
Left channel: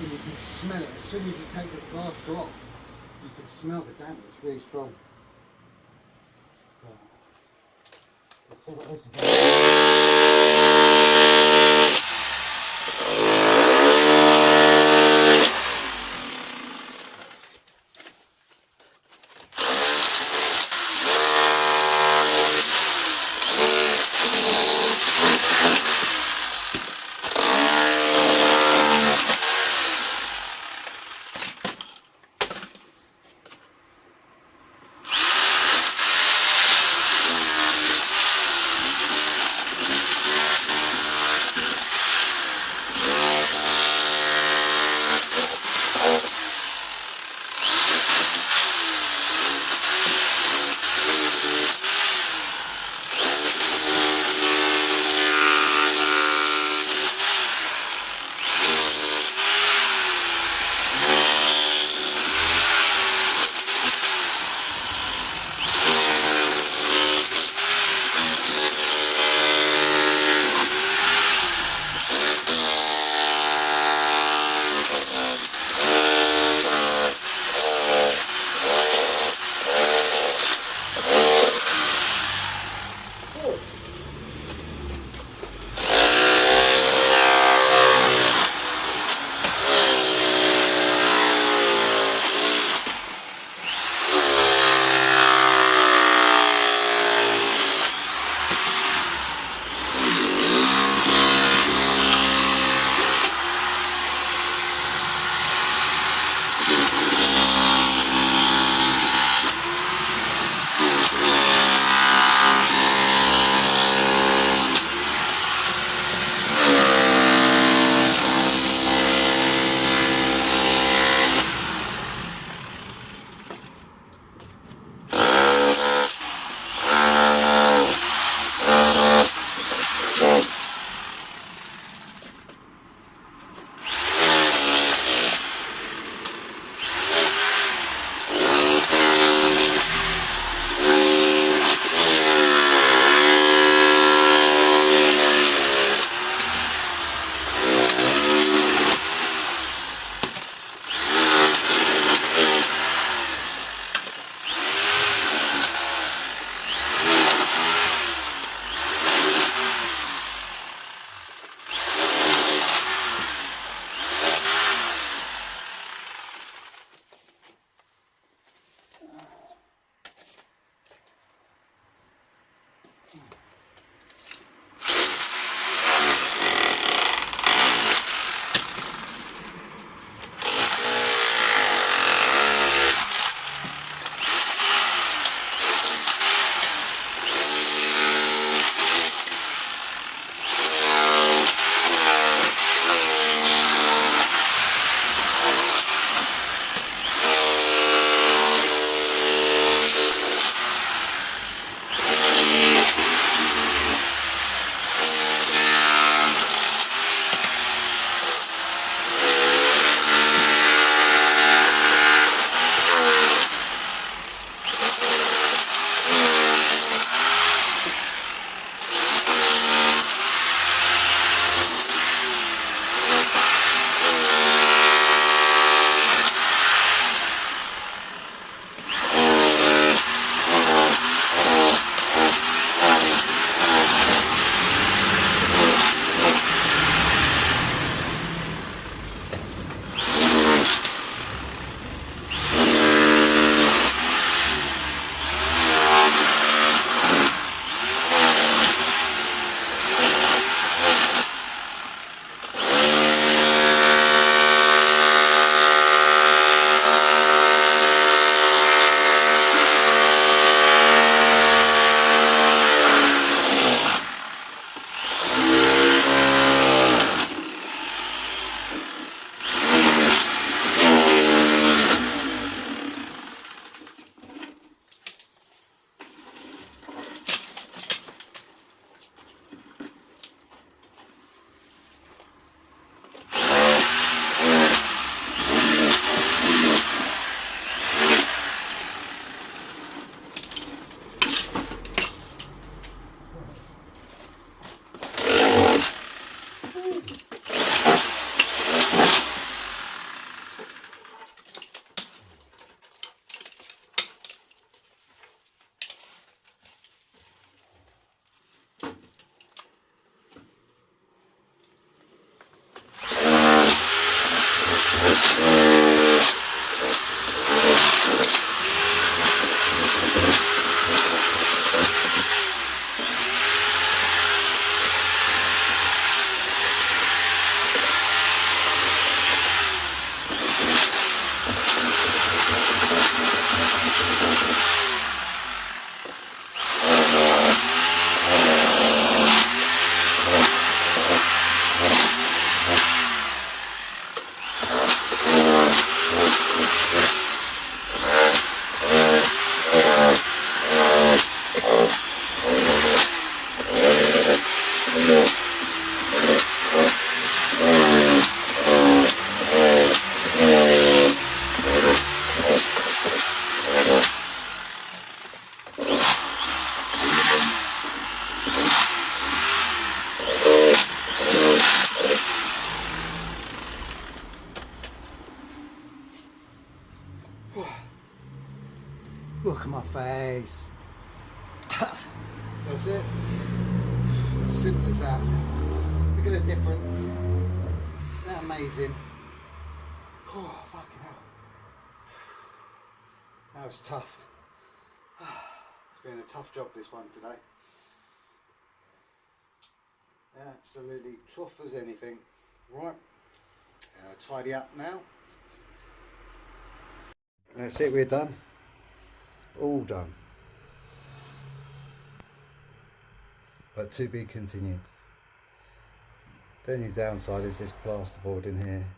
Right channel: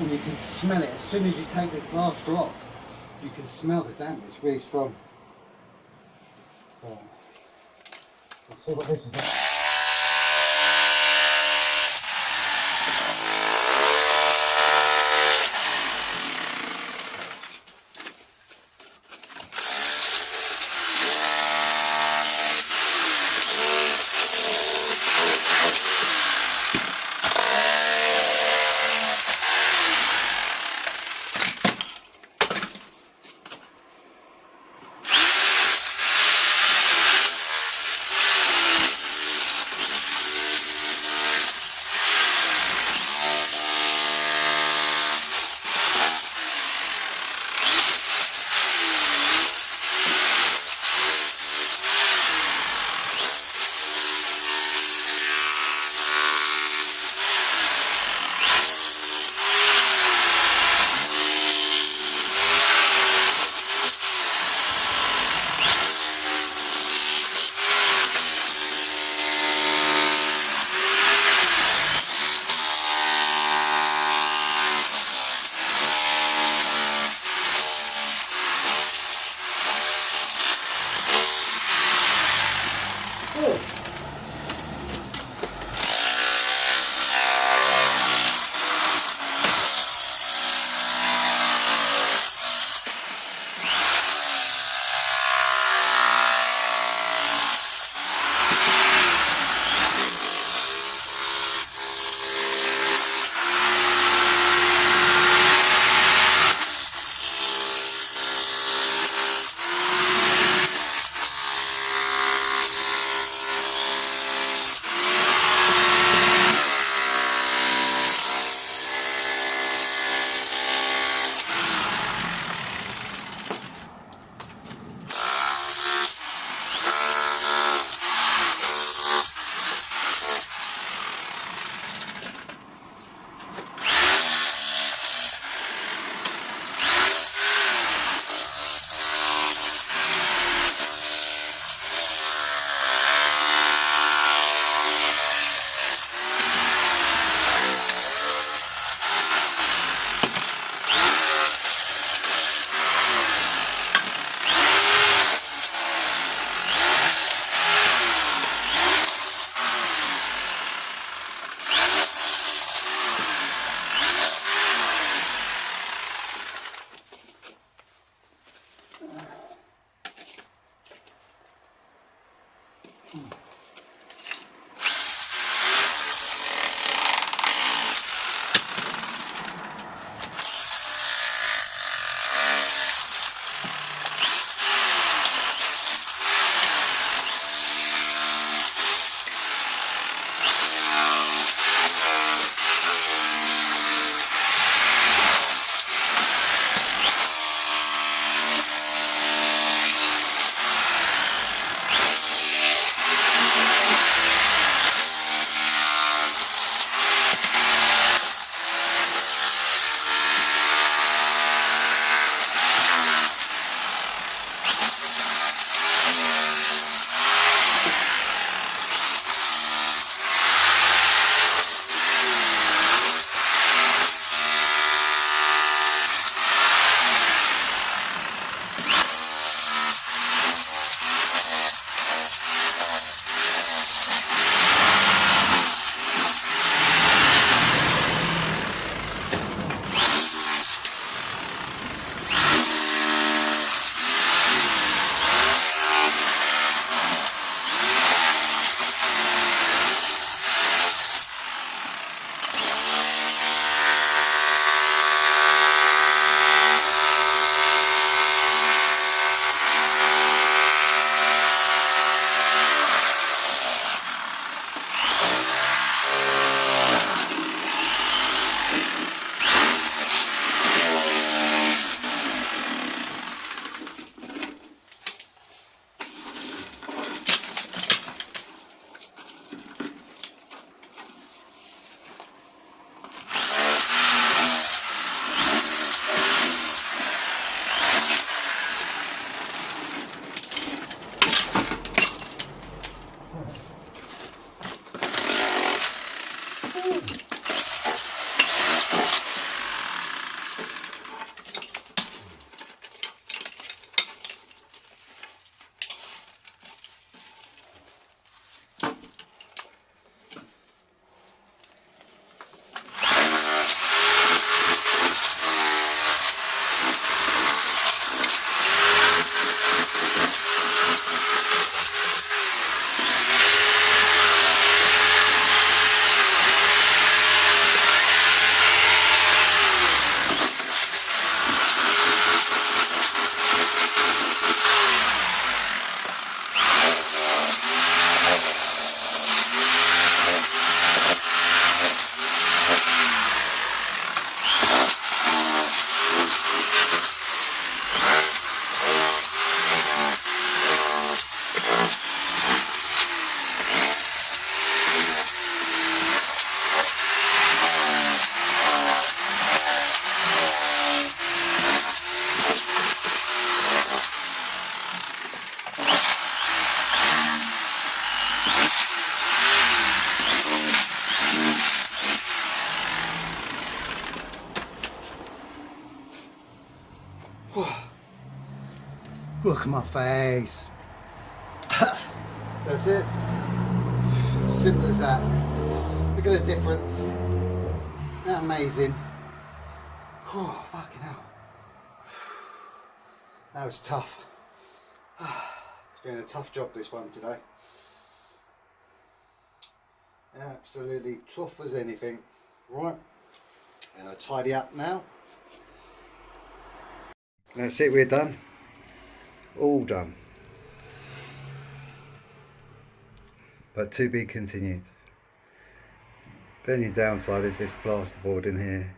And you can smell it. As soon as you take the plaster off, you can smell the damp, it's really strong. So, let's see what this is like. at my face. That's it. Simple as that. Look at the difference. Isn't that amazing? Oh, fucking hell. That was tough. It's been a tough job, this one today. Absolutely tough as anything. Right, I'll tidy up now. That's it, we're done. All done. But to be continued. The only downside is this plasterboard in here.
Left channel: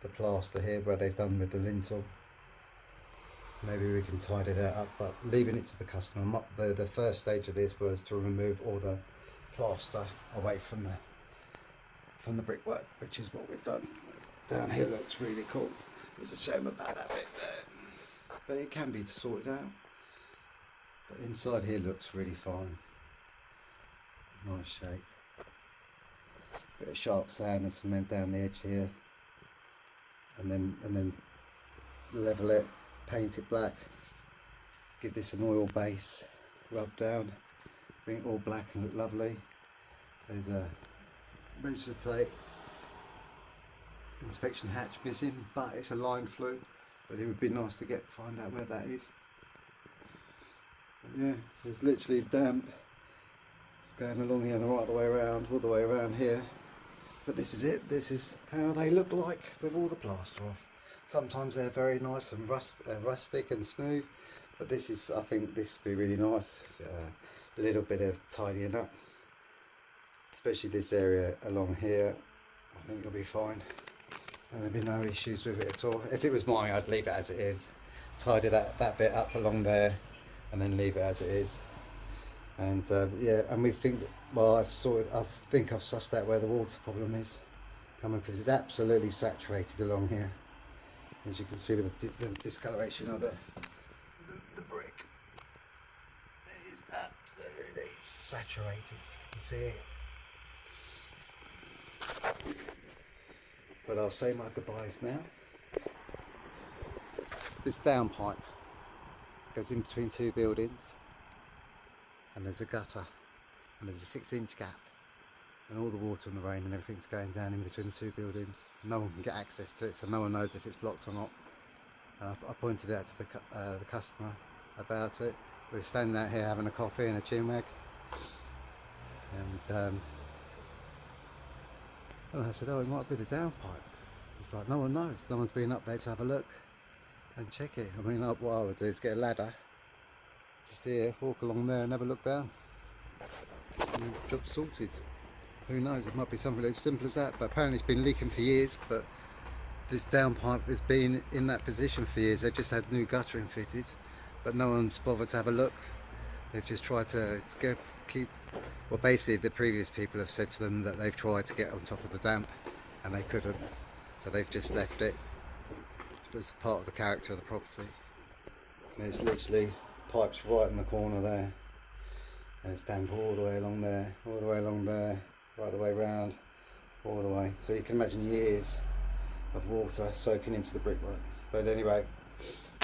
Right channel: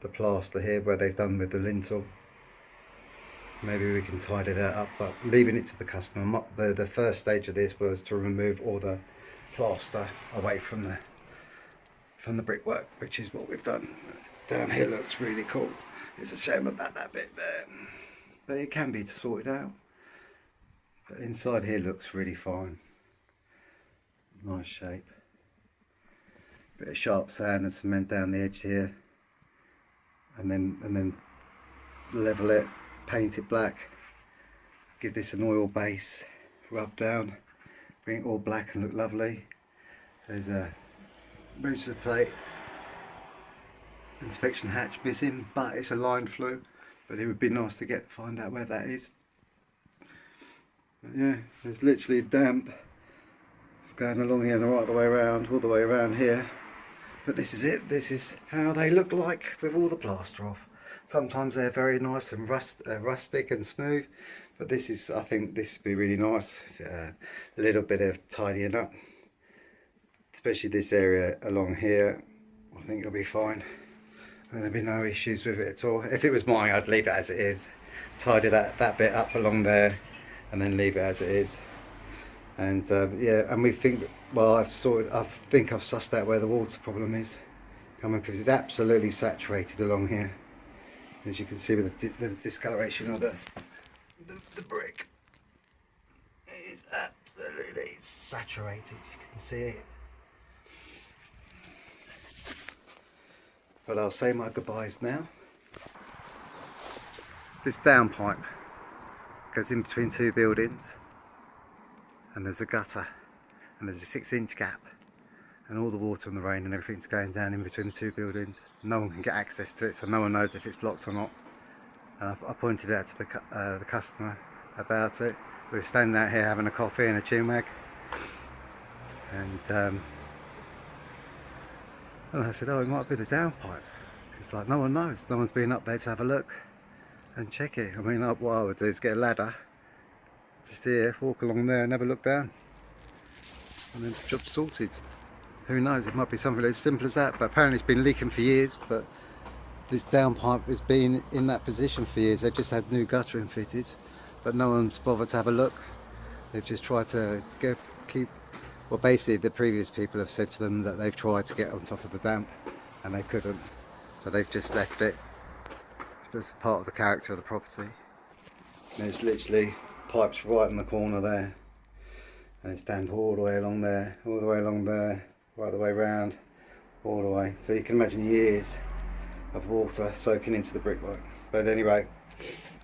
The plaster here where they've done with the lintel. Maybe we can tidy that up, but leaving it to the customer. The first stage of this was to remove all the plaster away from the brickwork, which is what we've done. Down here looks really cool. It's a shame about that bit there, but it can be sorted out. But inside here looks really fine. Nice shape. Bit of sharp sand and cement down the edge here, and then level it, paint it black, give this an oil base, rub down, bring it all black and look lovely. There's a register plate, inspection hatch missing, but it's a line flue, but it would be nice to find out where that is. But yeah, there's literally damp going along here and right the way around, all the way around here. But this is it. This is how they look like with all the plaster off. Sometimes they're very nice and rustic and smooth, but this is, I think this would be really nice. A little bit of tidying up, especially this area along here. I think it'll be fine. There'll be no issues with it at all. If it was mine, I'd leave it as it is. Tidy that bit up along there, and then leave it as it is. And yeah, and we think, well, I think I've sussed out where the water problem is coming, because it's absolutely saturated along here, as you can see with the discoloration of the brick. It is absolutely saturated, you can see it. But I'll say my goodbyes now. This downpipe goes in between two buildings, and there's a gutter, and there's a 6-inch gap, and all the water and the rain and everything's going down in between the two buildings. No one can get access to it, so no one knows if it's blocked or not. And I pointed out to the customer about it. We were standing out here having a coffee and a chinwag, and I said, oh, it might be the downpipe. It's like, no one knows. No one's been up there to have a look and check it. I mean, what I would do is get a ladder, just here, walk along there and have a look down, and then the job's sorted. Who knows, it might be something as simple as that, but apparently it's been leaking for years. But this downpipe has been in that position for years. They've just had new guttering fitted, but no one's bothered to have a look. They've just tried to keep, well, basically the previous people have said to them that they've tried to get on top of the damp and they couldn't, so they've just left it. It's part of the character of the property. There's literally pipes right in the corner there, and it's damp all the way along there, all the way along there, right the way round, all the way. So you can imagine years of water soaking into the brickwork. But anyway,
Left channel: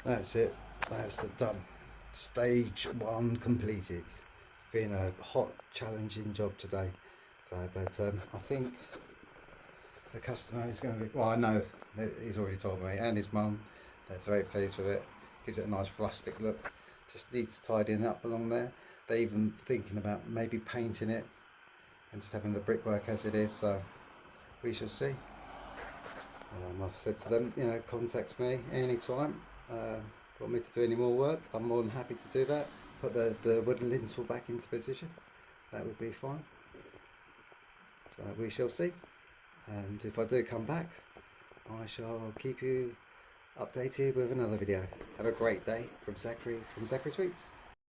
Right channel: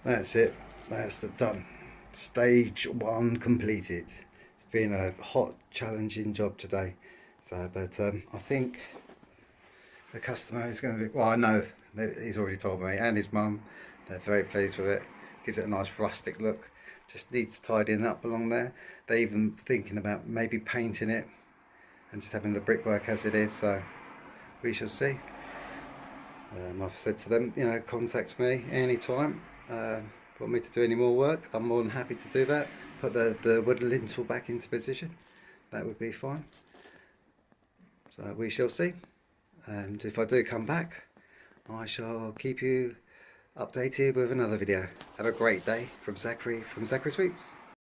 that's it. That's done. Stage 1 completed. It's been a hot, challenging job today. So, but I think the customer is going to be, well, I know he's already told me, and his mum, they're very pleased with it. Gives it a nice rustic look. Just needs tidying up along there. They're even thinking about maybe painting it and just having the brickwork as it is. So we shall see. I've said to them, you know, contact me anytime. Want me to do any more work, I'm more than happy to do that. Put the wood lintel back into position, that would be fine. So we shall see, and if I do come back, I shall keep you updated with another video. Have a great day from Zachary Sweeps.